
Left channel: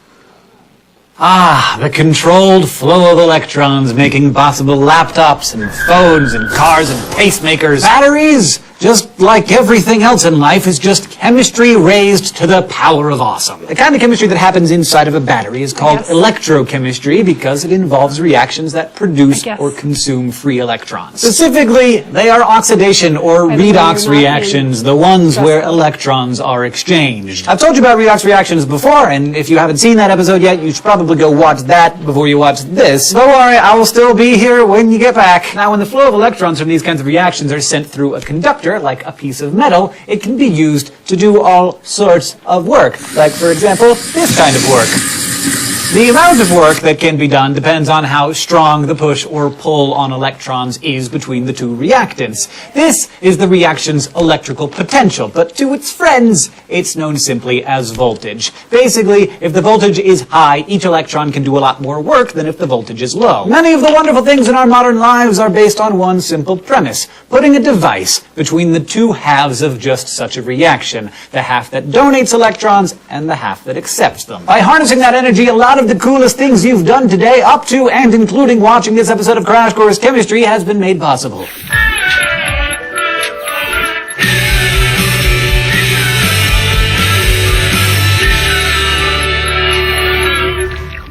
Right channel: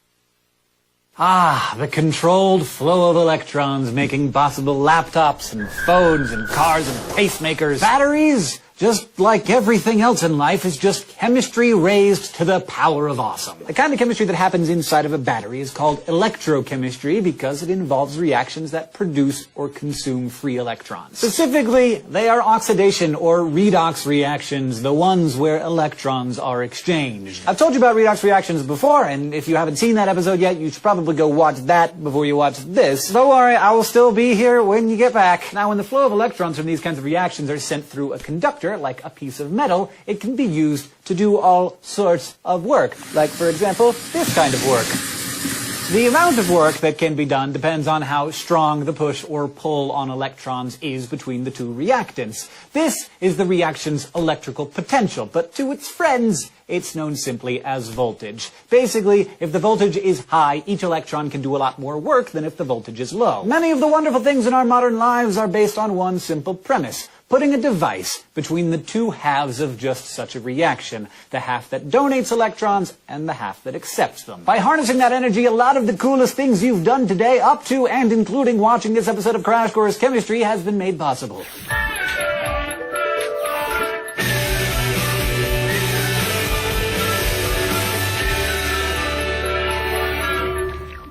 The controlled flow of electrons making possible laptops and phones and cars and pacemakers. Batteries, just like everything else in life, is just chemistry raised to the power of awesome. The kind of chemistry that happens inside of a battery is called electrochemistry because it involves reactions that produce or consume free electrons. Specifically, they are oxidation or redox reactions, the ones where electrons are exchanged. I've told you about redox reactions before, and if you haven't seen that episode yet, you should probably go watch that before you watch this. Don't worry, I will still be here when you get back. Now, when the flow of electrons from these kinds of reactions are sent through a conductor, like a piece of metal, it can be used to do all sorts of work. Like, for example, this kind of work. The amount of work that can be done depends on how strong the push or pull on electrons is between the two reactants. This is the reaction's electrical potential, but to its friends, it's known simply as voltage. Basically, if the voltage is high, each electron can do a lot more work than if the voltage is low. Many of the wonderful things in our modern lives are based on one simple premise: putting a device between the two halves of just such a reaction, the half that donates electrons and the half that accepts them. By harnessing that energy, a lot of the coolest things you've done today, up to and including watching this episode of Crash Course Chemistry, has been made possible.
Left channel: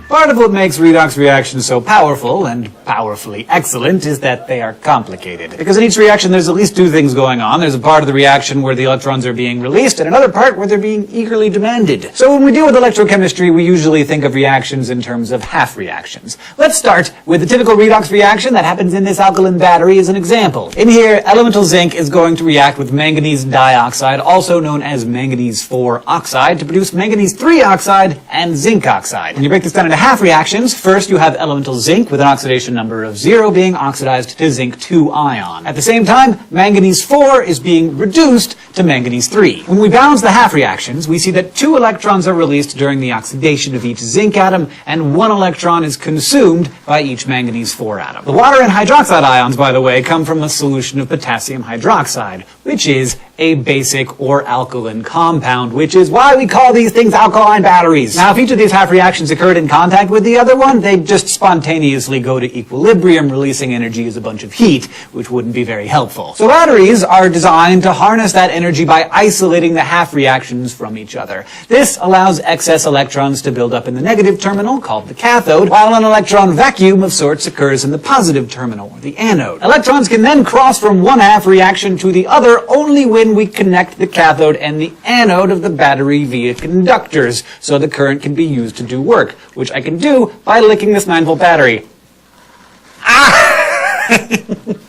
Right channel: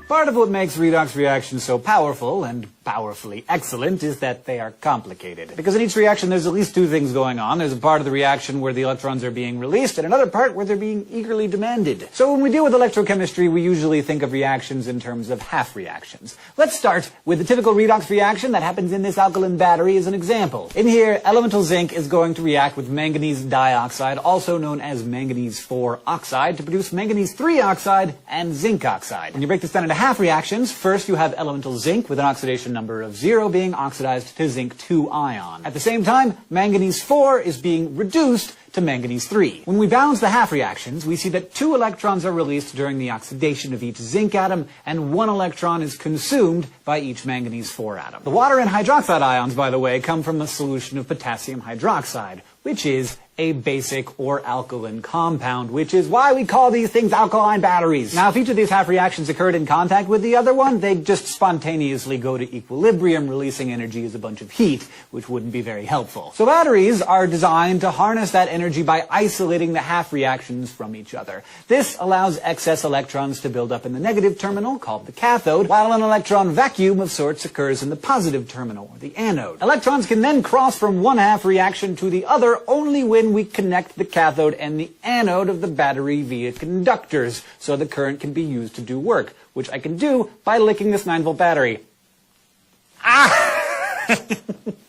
Part of what makes redox reactions so powerful and powerfully excellent is that they are complicated. Because in each reaction there's at least two things going on. There's a part of the reaction where the electrons are being released and another part where they're being eagerly demanded. So when we deal with electrochemistry, we usually think of reactions in terms of half reactions. Let's start with the typical redox reaction that happens in this alkaline battery as an example. In here, elemental zinc is going to react with manganese dioxide, also known as manganese 4 oxide, to produce manganese 3 oxide and zinc oxide. When you break this down into half reactions, first you have elemental zinc with an oxidation number of 0 being oxidized to zinc 2 ion. At the same time, manganese 4 is being reduced to manganese 3. When we balance the half reactions, we see that 2 electrons are released during the oxidation of each zinc atom, and 1 electron is consumed by each manganese 4 atom. The water and hydroxide ions, by the way, come from a solution of potassium hydroxide, which is a basic or alkaline compound, which is why we call these things alkaline batteries. Now, if each of these half reactions occurred in contact with the other one, they'd just spontaneously go to equilibrium, releasing energy as a bunch of heat, which wouldn't be very helpful. So batteries are designed to harness that energy by isolating the half reactions from each other. This allows excess electrons to build up in the negative terminal, called the cathode, while an electron vacuum of sorts occurs in the positive terminal, or the anode. Electrons can then cross from one half reaction to the other only when we connect the cathode and the anode of the battery via conductors, so the current can be used to do work, which I can do by licking this 9-volt battery.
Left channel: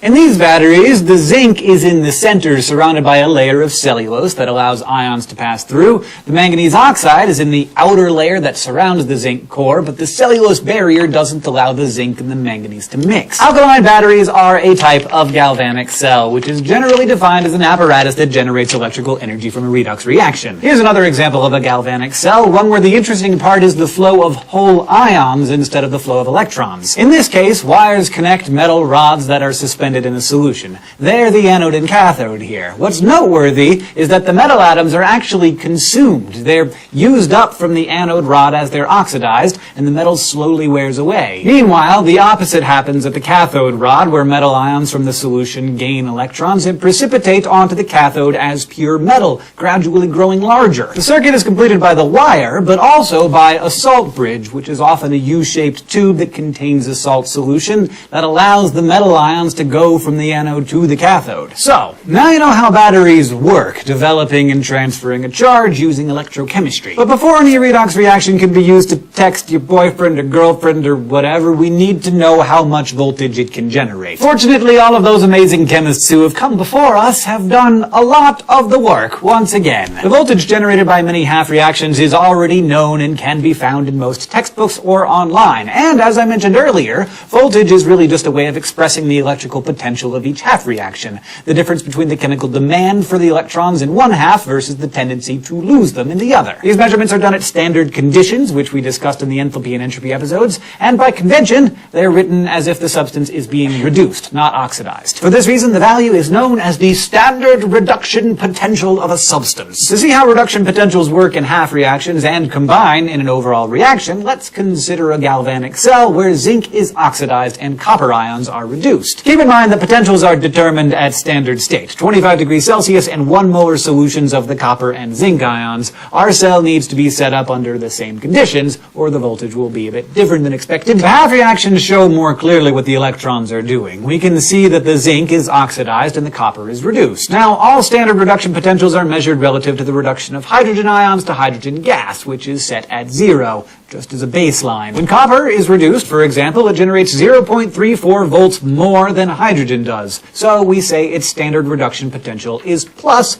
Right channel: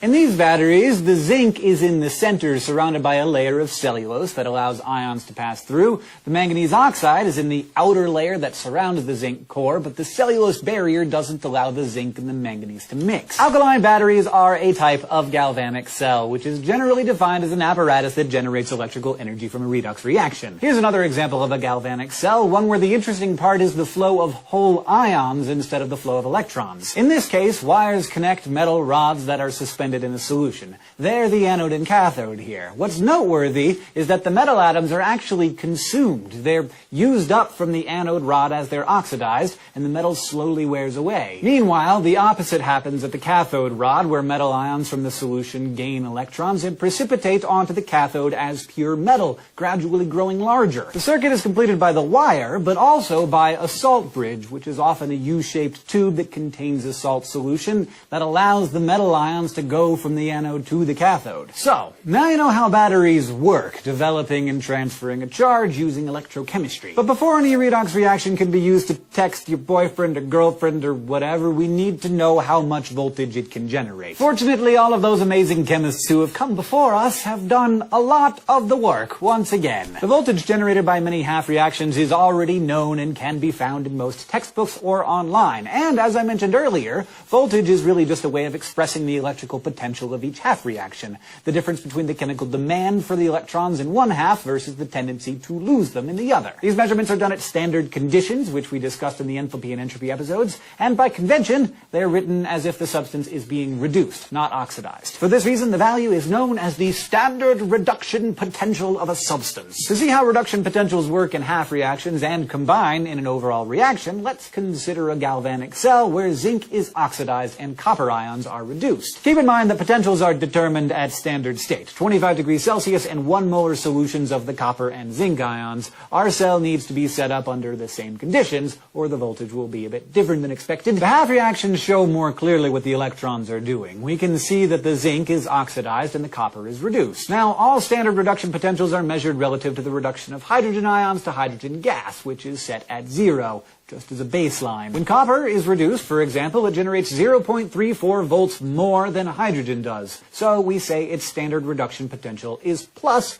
In these batteries, the zinc is in the center, surrounded by a layer of cellulose that allows ions to pass through. The manganese oxide is in the outer layer that surrounds the zinc core, but the cellulose barrier doesn't allow the zinc and the manganese to mix. Alkaline batteries are a type of galvanic cell, which is generally defined as an apparatus that generates electrical energy from a redox reaction. Here's another example of a galvanic cell, one where the interesting part is the flow of whole ions instead of the flow of electrons. In this case, wires connect metal rods that are suspended in a solution. They're the anode and cathode here. What's noteworthy is that the metal atoms are actually consumed. They're used up from the anode rod as they're oxidized, and the metal slowly wears away. Meanwhile, the opposite happens at the cathode rod, where metal ions from the solution gain electrons and precipitate onto the cathode as pure metal, gradually growing larger. The circuit is completed by the wire, but also by a salt bridge, which is often a U-shaped tube that contains a salt solution that allows the metal ions to go from the anode to the cathode. So, now you know how batteries work, developing and transferring a charge using electrochemistry. But before any redox reaction can be used to text your boyfriend or girlfriend or whatever, we need to know how much voltage it can generate. Fortunately, all of those amazing chemists who have come before us have done a lot of the work once again. The voltage generated by many half reactions is already known and can be found in most textbooks or online. And as I mentioned earlier, voltage is really just a way of expressing the electrical potential of each half reaction, the difference between the chemical demand for the electrons in one half versus the tendency to lose them in the other. These measurements are done at standard conditions, which we discussed in the enthalpy and entropy episodes, and by convention, they're written as if the substance is being reduced, not oxidized. For this reason, the value is known as the standard reduction potential of a substance. To see how reduction potentials work in half reactions and combine in an overall reaction, let's consider a galvanic cell where zinc is oxidized and copper ions are reduced. Keep in mind that potentials are determined at standard state, 25 degrees Celsius and 1 molar solutions of the copper and zinc ions. Our cell needs to be set up under the same conditions, or the voltage will be a bit different than expected. The half reactions show more clearly what the electrons are doing. We can see that the zinc is oxidized and the copper is reduced. Now, all standard reduction potentials are measured relative to the reduction of hydrogen ions to hydrogen gas, which is set at 0, just as a baseline. When copper is reduced, for example, it generates 0.34 volts more than hydrogen does. So we say its standard reduction potential is plus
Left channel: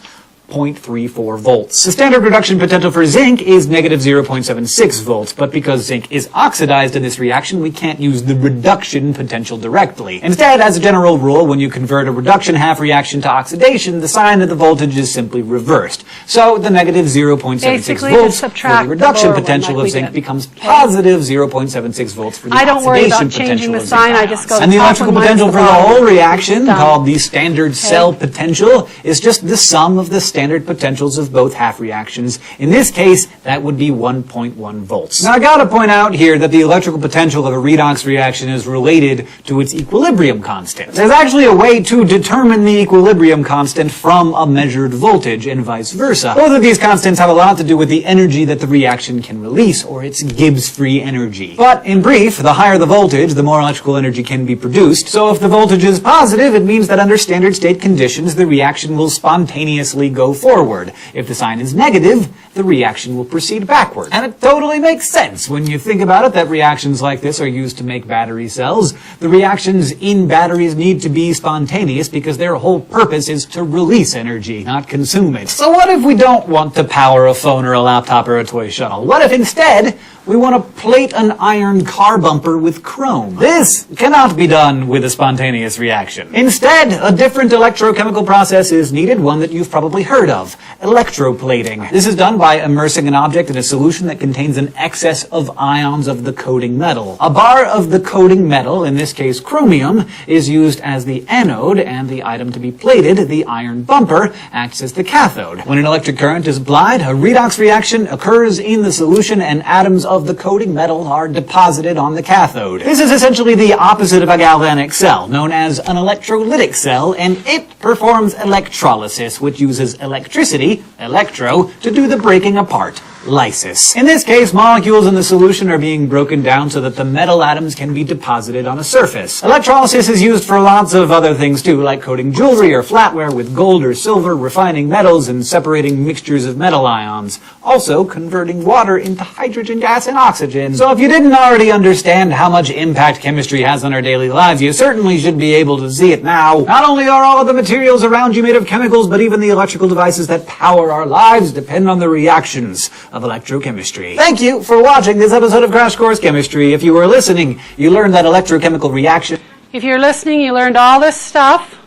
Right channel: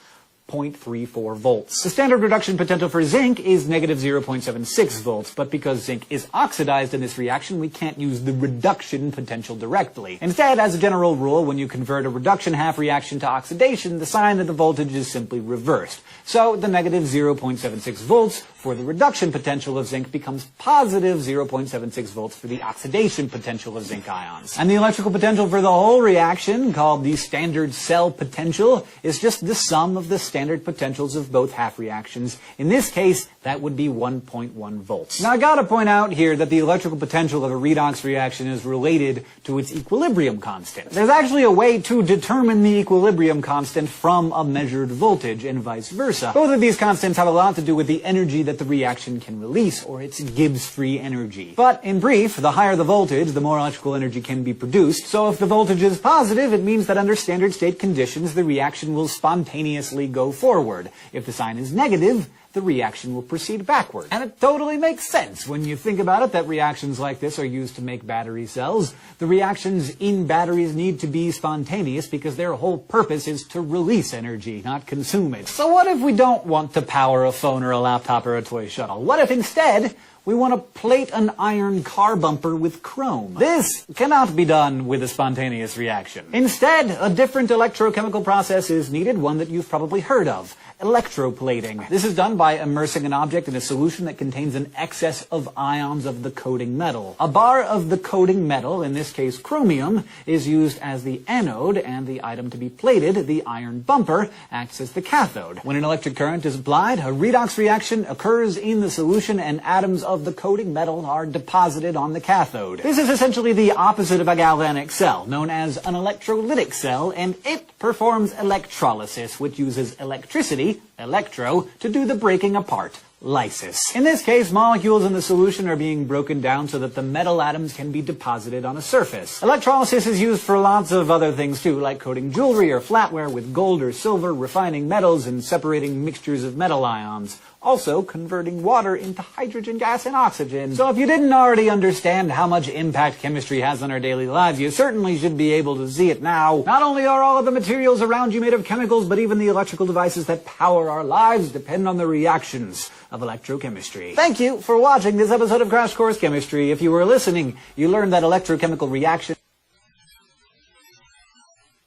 0.34 volts. The standard reduction potential for zinc is negative 0.76 volts, but because zinc is oxidized in this reaction, we can't use the reduction potential directly. Instead, as a general rule, when you convert a reduction half reaction to oxidation, the sign of the voltage is simply reversed. So the negative 0.76 volts for the reduction potential of zinc becomes positive 0.76 volts for the oxidation potential of zinc ions. And the electrical potential for the whole reaction, called the standard cell potential, is just the sum of the standard potentials of both half reactions. In this case, that would be 1.1 volts. Now, I gotta point out here that the electrical potential of a redox reaction is related to its equilibrium constant. There's actually a way to determine the equilibrium constant from a measured voltage and vice versa. Both of these constants have a lot to do with the energy that the reaction can release, or its Gibbs free energy. But in brief, the higher the voltage, the more electrical energy can be produced. So if the voltage is positive, it means that under standard state conditions, the reaction will spontaneously go forward. If the sign is negative, the reaction will proceed backward. And it totally makes sense when you think about it that reactions like this are used to make battery cells. The reactions in batteries need to be spontaneous because their whole purpose is to release energy, not consume it. So what if we don't want to power a phone or a laptop or a toy shuttle? What if instead we want to plate an iron car bumper with chrome? This cannot be done with a spontaneous reaction. Instead, a different electrochemical process is needed, one that you've probably heard of: electroplating. This is done by immersing an object in a solution that contains an excess of ions of the coating metal. A bar of the coating metal, in this case chromium, is used as the anode, and the item to be plated, the iron bumper, acts as the cathode. When an electric current is applied, a redox reaction occurs in the solution and atoms of of the coating metal are deposited on the cathode. This is essentially the opposite of a galvanic cell, known as an electrolytic cell, and it performs electrolysis, which uses electricity, electro, to do the breaking apart, lysis. In this case, molecules in the solution are being broken down so that the metal atoms can be deposited on a surface. Electrolysis is used for lots of other things too, like coating jewelry or flatware with gold or silver, refining metals, and separating mixtures of metal ions. Also, converting water into hydrogen gas and oxygen. So if you didn't already understand how much impact chemistry has on our daily lives, you certainly should be able to see it now. Not only are all of the materials around you made of chemicals, but even the electrical devices that power our lives depend on the reactions of electrochemistry. Thank you for watching this episode of Crash Course Chemistry. If you were listening, you learned that electrochemical reaction... If you're listening, you learned all this stuff.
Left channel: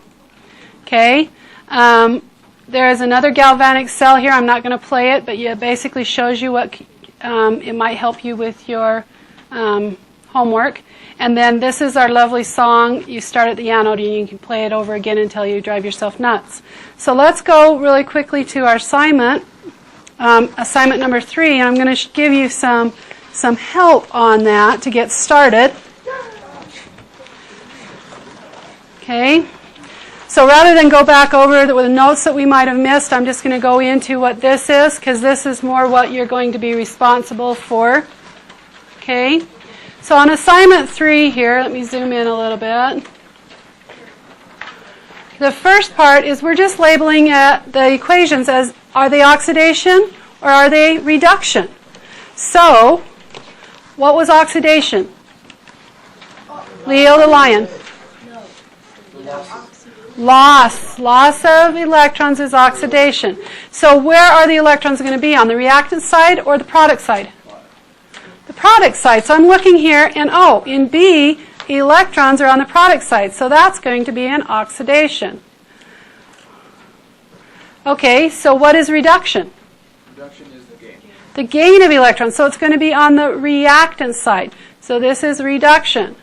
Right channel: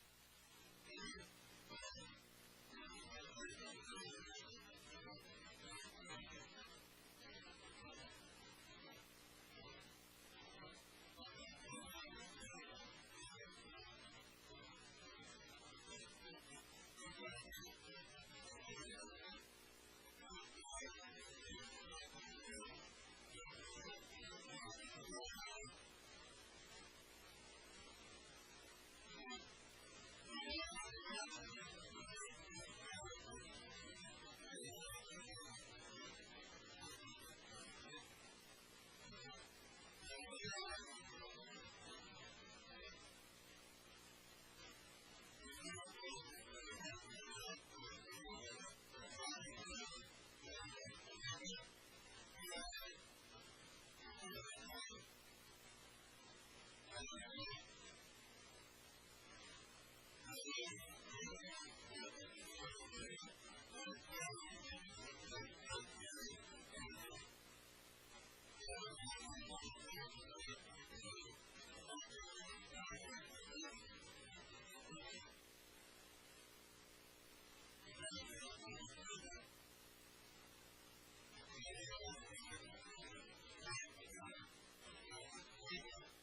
Okay. There is another galvanic cell here. I'm not going to play it, but it basically shows you what it might help you with your homework. And then this is our lovely song. You start at the anode and you can play it over again until you drive yourself nuts. So let's go really quickly to our assignment. Assignment number 3, and I'm going to give you some help on that to get started. Okay. So rather than go back over the notes that we might have missed, I'm just going to go into what this is, because this is more what you're going to be responsible for. Okay. So on assignment 3 here, let me zoom in a little bit. The first part is we're just labeling the equations as, are they oxidation or are they reduction? So, what was oxidation? Leo the lion. Loss of electrons is oxidation. So where are the electrons going to be? On the reactant side or the product side? The product side. So I'm looking here, and in B, electrons are on the product side. So that's going to be an oxidation. Okay, so what is reduction? Reduction is the gain. The gain of electrons. So it's going to be on the reactant side. So this is reduction.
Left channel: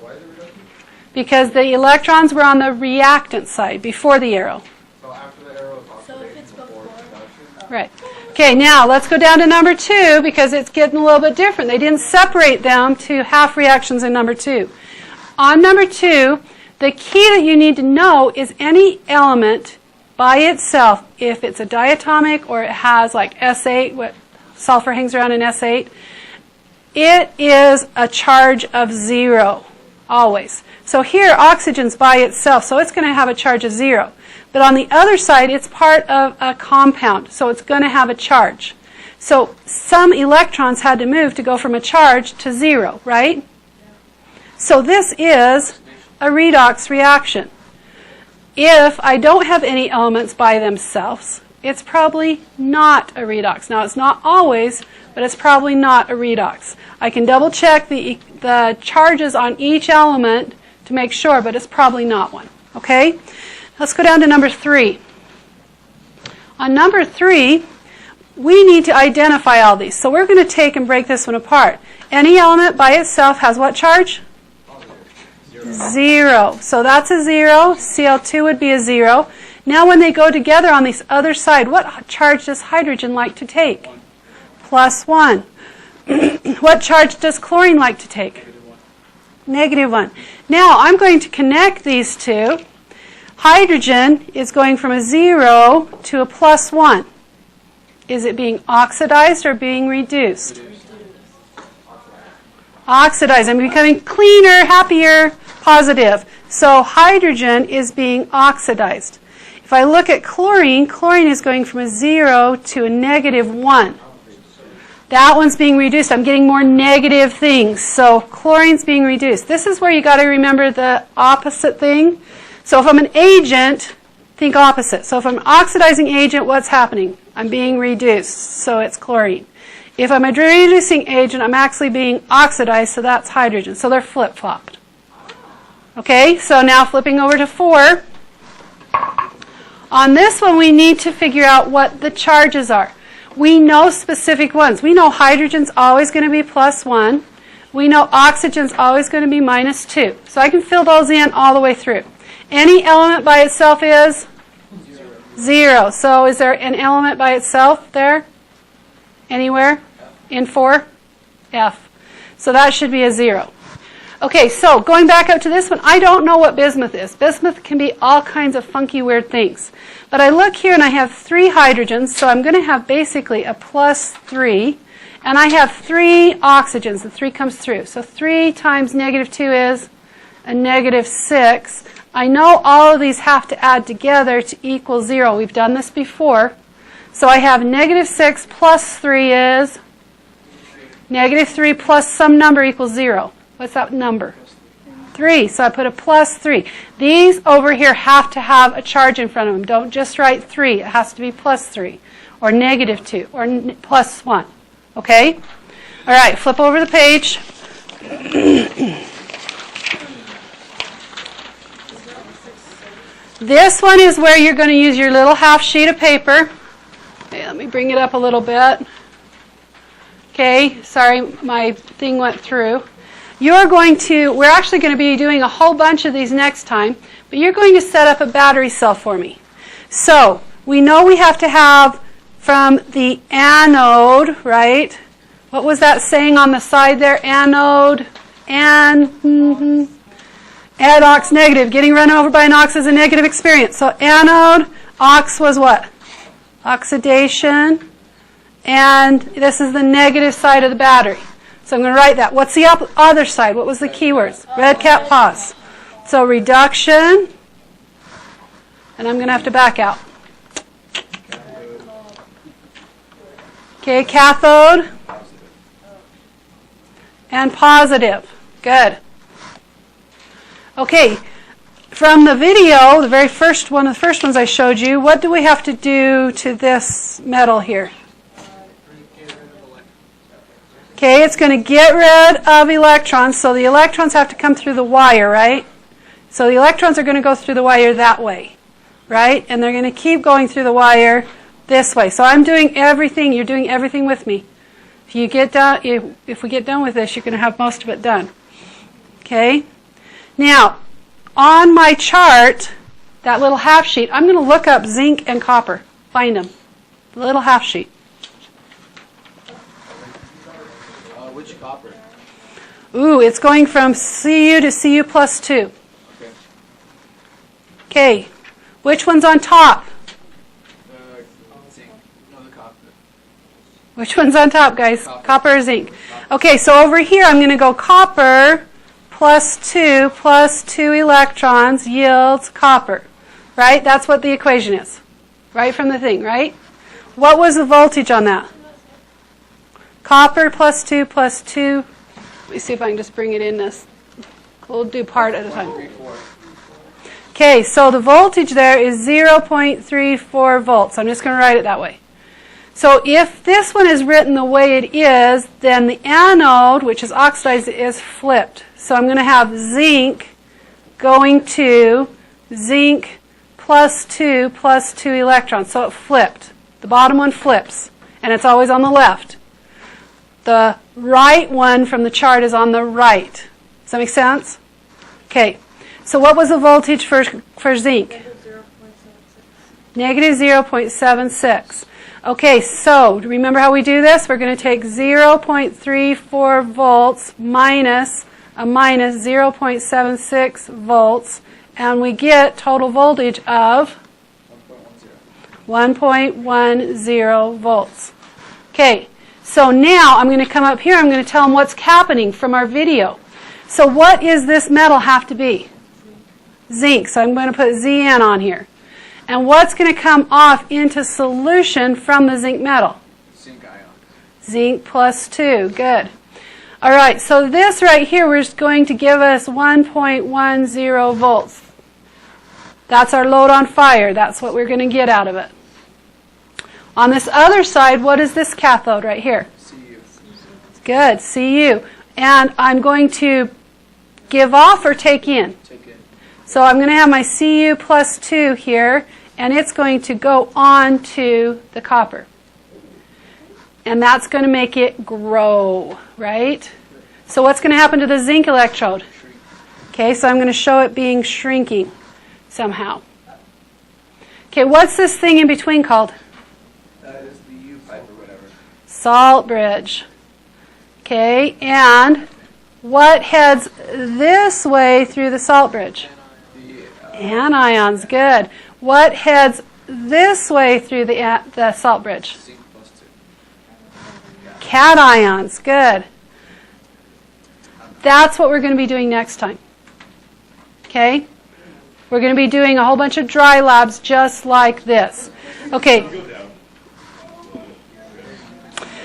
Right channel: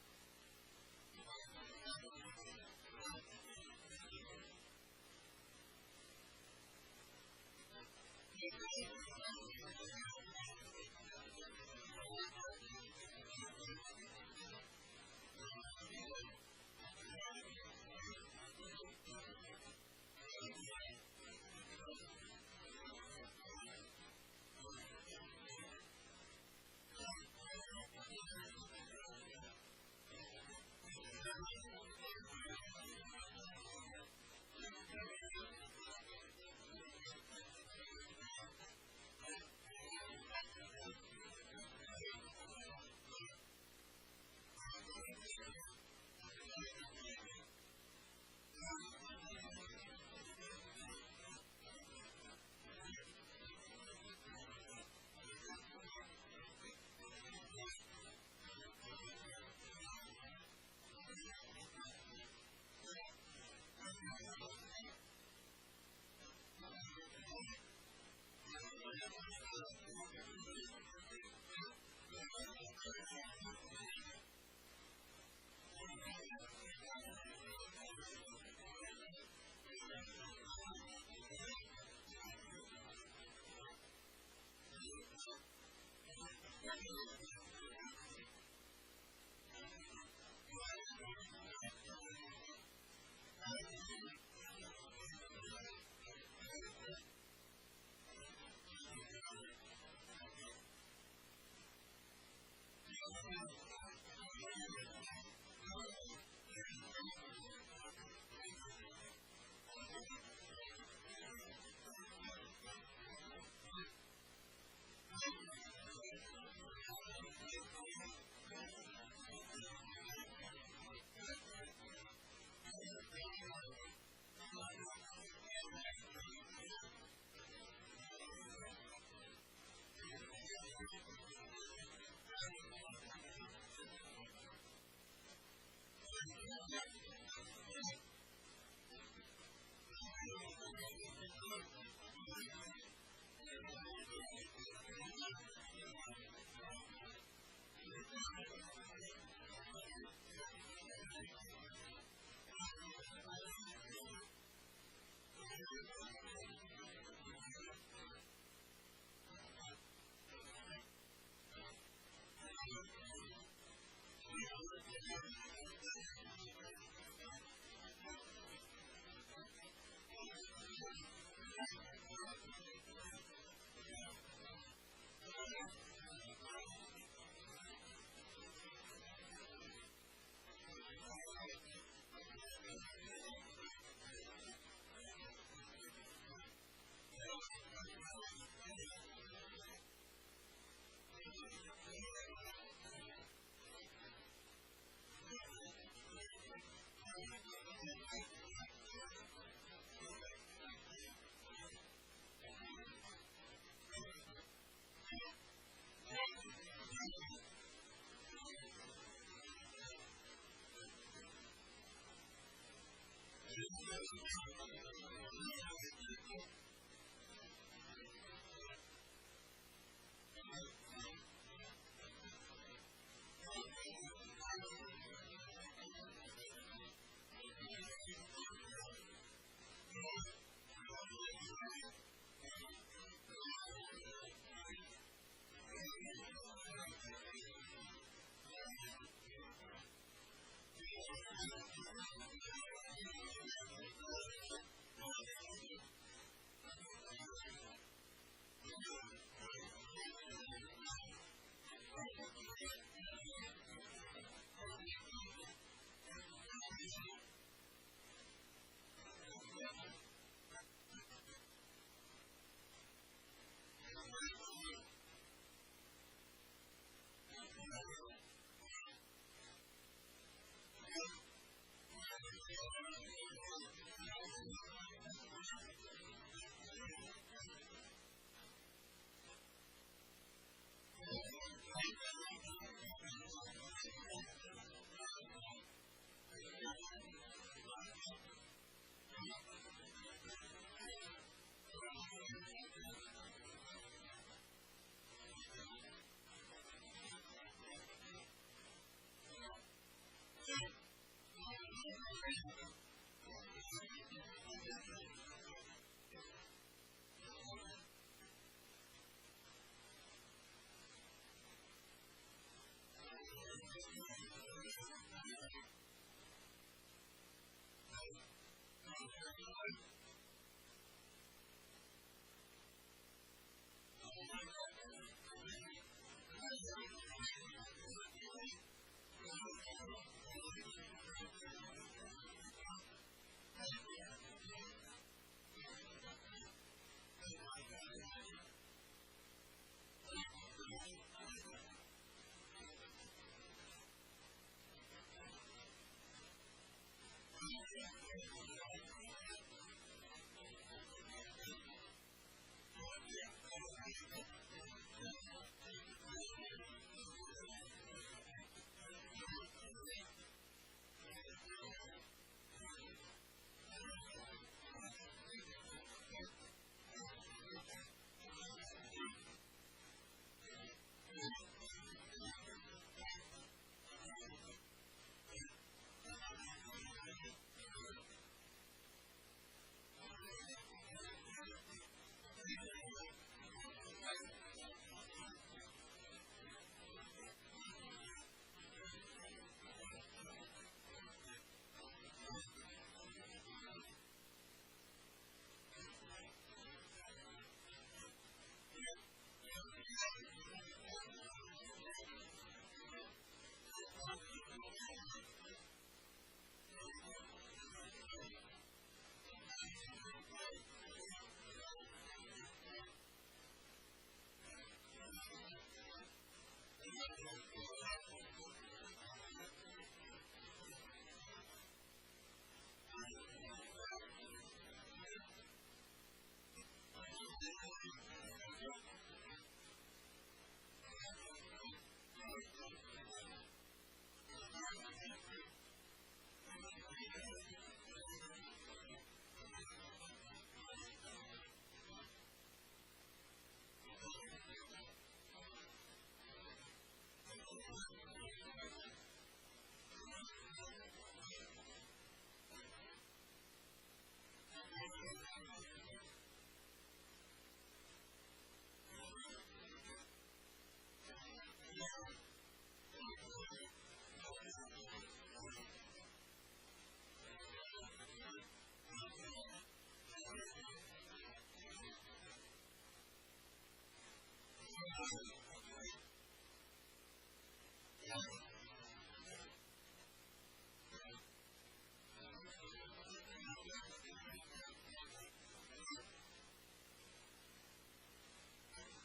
Why is it reduction? Because the electrons were on the reactant side before the arrow. So after the arrow is So oxidation if it's before reduction? Right. Okay, now let's go down to number 2 because it's getting a little bit different. They didn't separate them to half reactions in number 2. On number 2, the key that you need to know is any element by itself, if it's a diatomic or it has like S8, what sulfur hangs around in S8, it is a charge of 0, always. So here, oxygen's by itself, so it's going to have a charge of 0. But on the other side, it's part of a compound, so it's going to have a charge. So some electrons had to move to go from a charge to 0, right? So this is a redox reaction. If I don't have any elements by themselves, it's probably not a redox. Now, it's not always, but it's probably not a redox. I can double check the charges on each element to make sure, but it's probably not one. Okay? Let's go down to number 3. On number 3, we need to identify all these. So we're going to take and break this one apart. Any element by itself has what charge? 0. So that's a 0. Cl2 would be a 0. Now when they go together on this other side, what charge does hydrogen like to take? +1. What charge does chlorine like to take? -1. Now I'm going to connect these two. Hydrogen is going from a 0 to a +1. Is it being oxidized or being reduced? Oxidized. I'm becoming cleaner, happier, positive. So hydrogen is being oxidized. If I look at chlorine, chlorine is going from a 0 to a -1. That one's being reduced. I'm getting more negative things. So chlorine's being reduced. This is where you got to remember the opposite thing. So if I'm an agent, think opposite. So if I'm an oxidizing agent, what's happening? I'm being reduced. So it's chlorine. If I'm a reducing agent, I'm actually being oxidized. So that's hydrogen. So they're flip-flopped. Okay, so now flipping over to 4. On this one, we need to figure out what the charges are. We know specific ones. We know hydrogen's always going to be +1. We know oxygen's always going to be -2. So I can fill those in all the way through. Any element by itself is 0. So is there an element by itself there? Anywhere? In 4? F. So that should be a 0. Okay, so going back up to this one, I don't know what bismuth is. Bismuth can be all kinds of funky, weird things. But I look here and I have 3 hydrogens, so I'm going to have basically a +3. And I have 3 oxygens. The 3 comes through. So 3 times -2 is a -6. I know all of these have to add together to equal 0. We've done this before. So I have -6 plus 3 is -3 plus some number equals 0. What's that number? 3. So I put a +3. These over here have to have a charge in front of them. Don't just write 3. It has to be +3 or -2 or +1. Okay? All right, flip over the page. This one is where you're going to use your little half sheet of paper. Okay, let me bring it up a little bit. Okay, sorry, my thing went through. We're actually going to be doing a whole bunch of these next time, but you're going to set up a battery cell for me. So, we know we have to have from the anode, right? What was that saying on the side there? Anode, ox negative. Getting run over by an ox is a negative experience. So anode, ox was what? Oxidation. And this is the negative side of the battery. So I'm going to write that. What's the other side? What was the keywords? Red cap, pause. So reduction. And I'm going to have to back out. Okay, cathode. And positive. Good. Okay, from the video, the very first one, the first ones I showed you, what do we have to do to this metal here? Okay, it's going to get rid of electrons, so the electrons have to come through the wire, right? So the electrons are going to go through the wire that way, right? And they're going to keep going through the wire this way. So I'm doing everything, you're doing everything with me. If we get done with this, you're going to have most of it done. Okay? Now, on my chart, that little half sheet, I'm going to look up zinc and copper. Find them. The little half sheet. Which copper? Ooh, it's going from Cu to Cu plus 2. Okay. Okay. Which one's on top? Zinc. No, the copper. Which one's on top, guys? Copper or zinc? Okay, so over here I'm going to go copper plus 2 electrons yields copper. Right? That's what the equation is. Right from the thing, right? What was the voltage on that? Copper plus 2. Let me see if I can just bring it in this. We'll do part at a time. Okay, so the voltage there is 0.34 volts. I'm just going to write it that way. So if this one is written the way it is, then the anode, which is oxidized, is flipped. So I'm going to have zinc going to zinc plus 2 electrons. So it flipped. The bottom one flips, and it's always on the left. The right one from the chart is on the right. Does that make sense? Okay. So what was the voltage for zinc? Negative 0.76. Okay, so remember how we do this? We're going to take 0.34 volts minus a minus 0.76 volts, and we get total voltage of 1.10 volts. Okay, so now I'm going to come up here. I'm going to tell them what's happening from our video. So what is this metal have to be? Zinc. So I'm going to put Zn on here. And what's going to come off into solution from the zinc metal? Zinc ion. Zinc plus 2. Good. All right, so this right here is going to give us 1.10 volts. That's our load on fire. That's what we're going to get out of it. On this other side, what is this cathode right here? Cu. Good, Cu. And I'm going to give off or take in? Take in. So I'm going to have my Cu plus 2 here, and it's going to go on to the copper. And that's going to make it grow, right? So what's going to happen to the zinc electrode? Okay, so I'm going to show it being shrinking somehow. Okay, what's this thing in between called? That is the U pipe or whatever. salt bridge. Okay, and what heads this way through the salt bridge? Anions, good. What heads this way through the salt bridge? Cations, good. That's what we're going to be doing next time. Okay? We're going to be doing a whole bunch of dry labs just like this. Okay.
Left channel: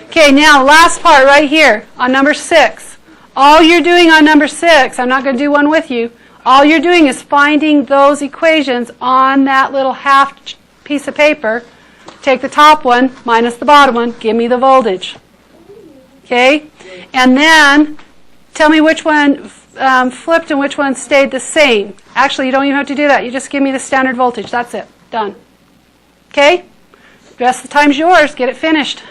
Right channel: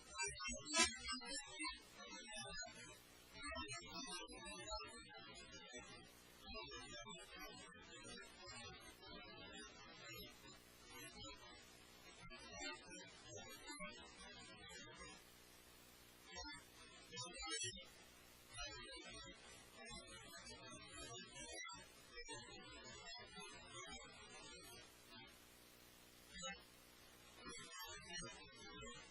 Okay, now last part right here on number 6. All you're doing on number 6, I'm not going to do one with you, all you're doing is finding those equations on that little half piece of paper. Take the top one minus the bottom one, give me the voltage. Okay? And then tell me which one flipped and which one stayed the same. Actually, you don't even have to do that. You just give me the standard voltage. That's it. Done. Okay? The rest of the time's yours. Get it finished.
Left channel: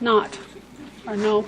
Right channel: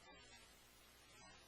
Not. Or no.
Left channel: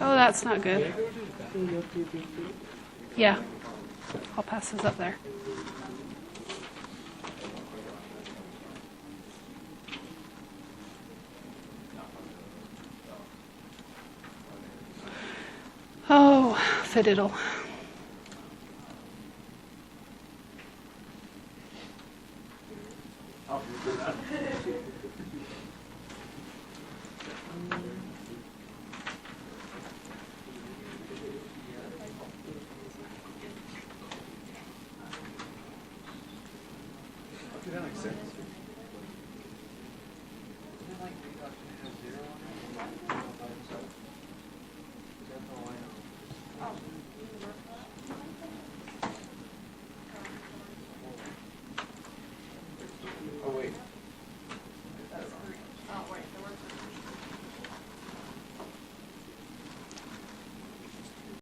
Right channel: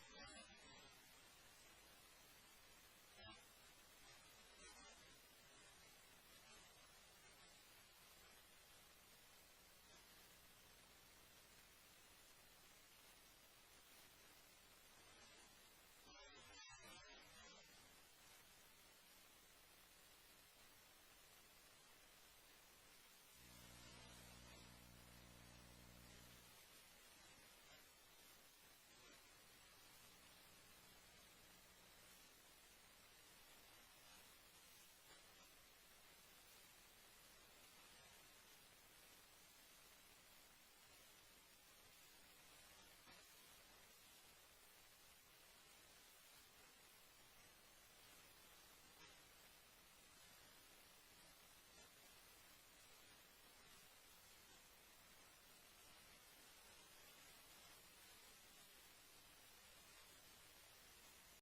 Oh, that's not good. Yeah. I'll pass those up there. Oh, fiddle.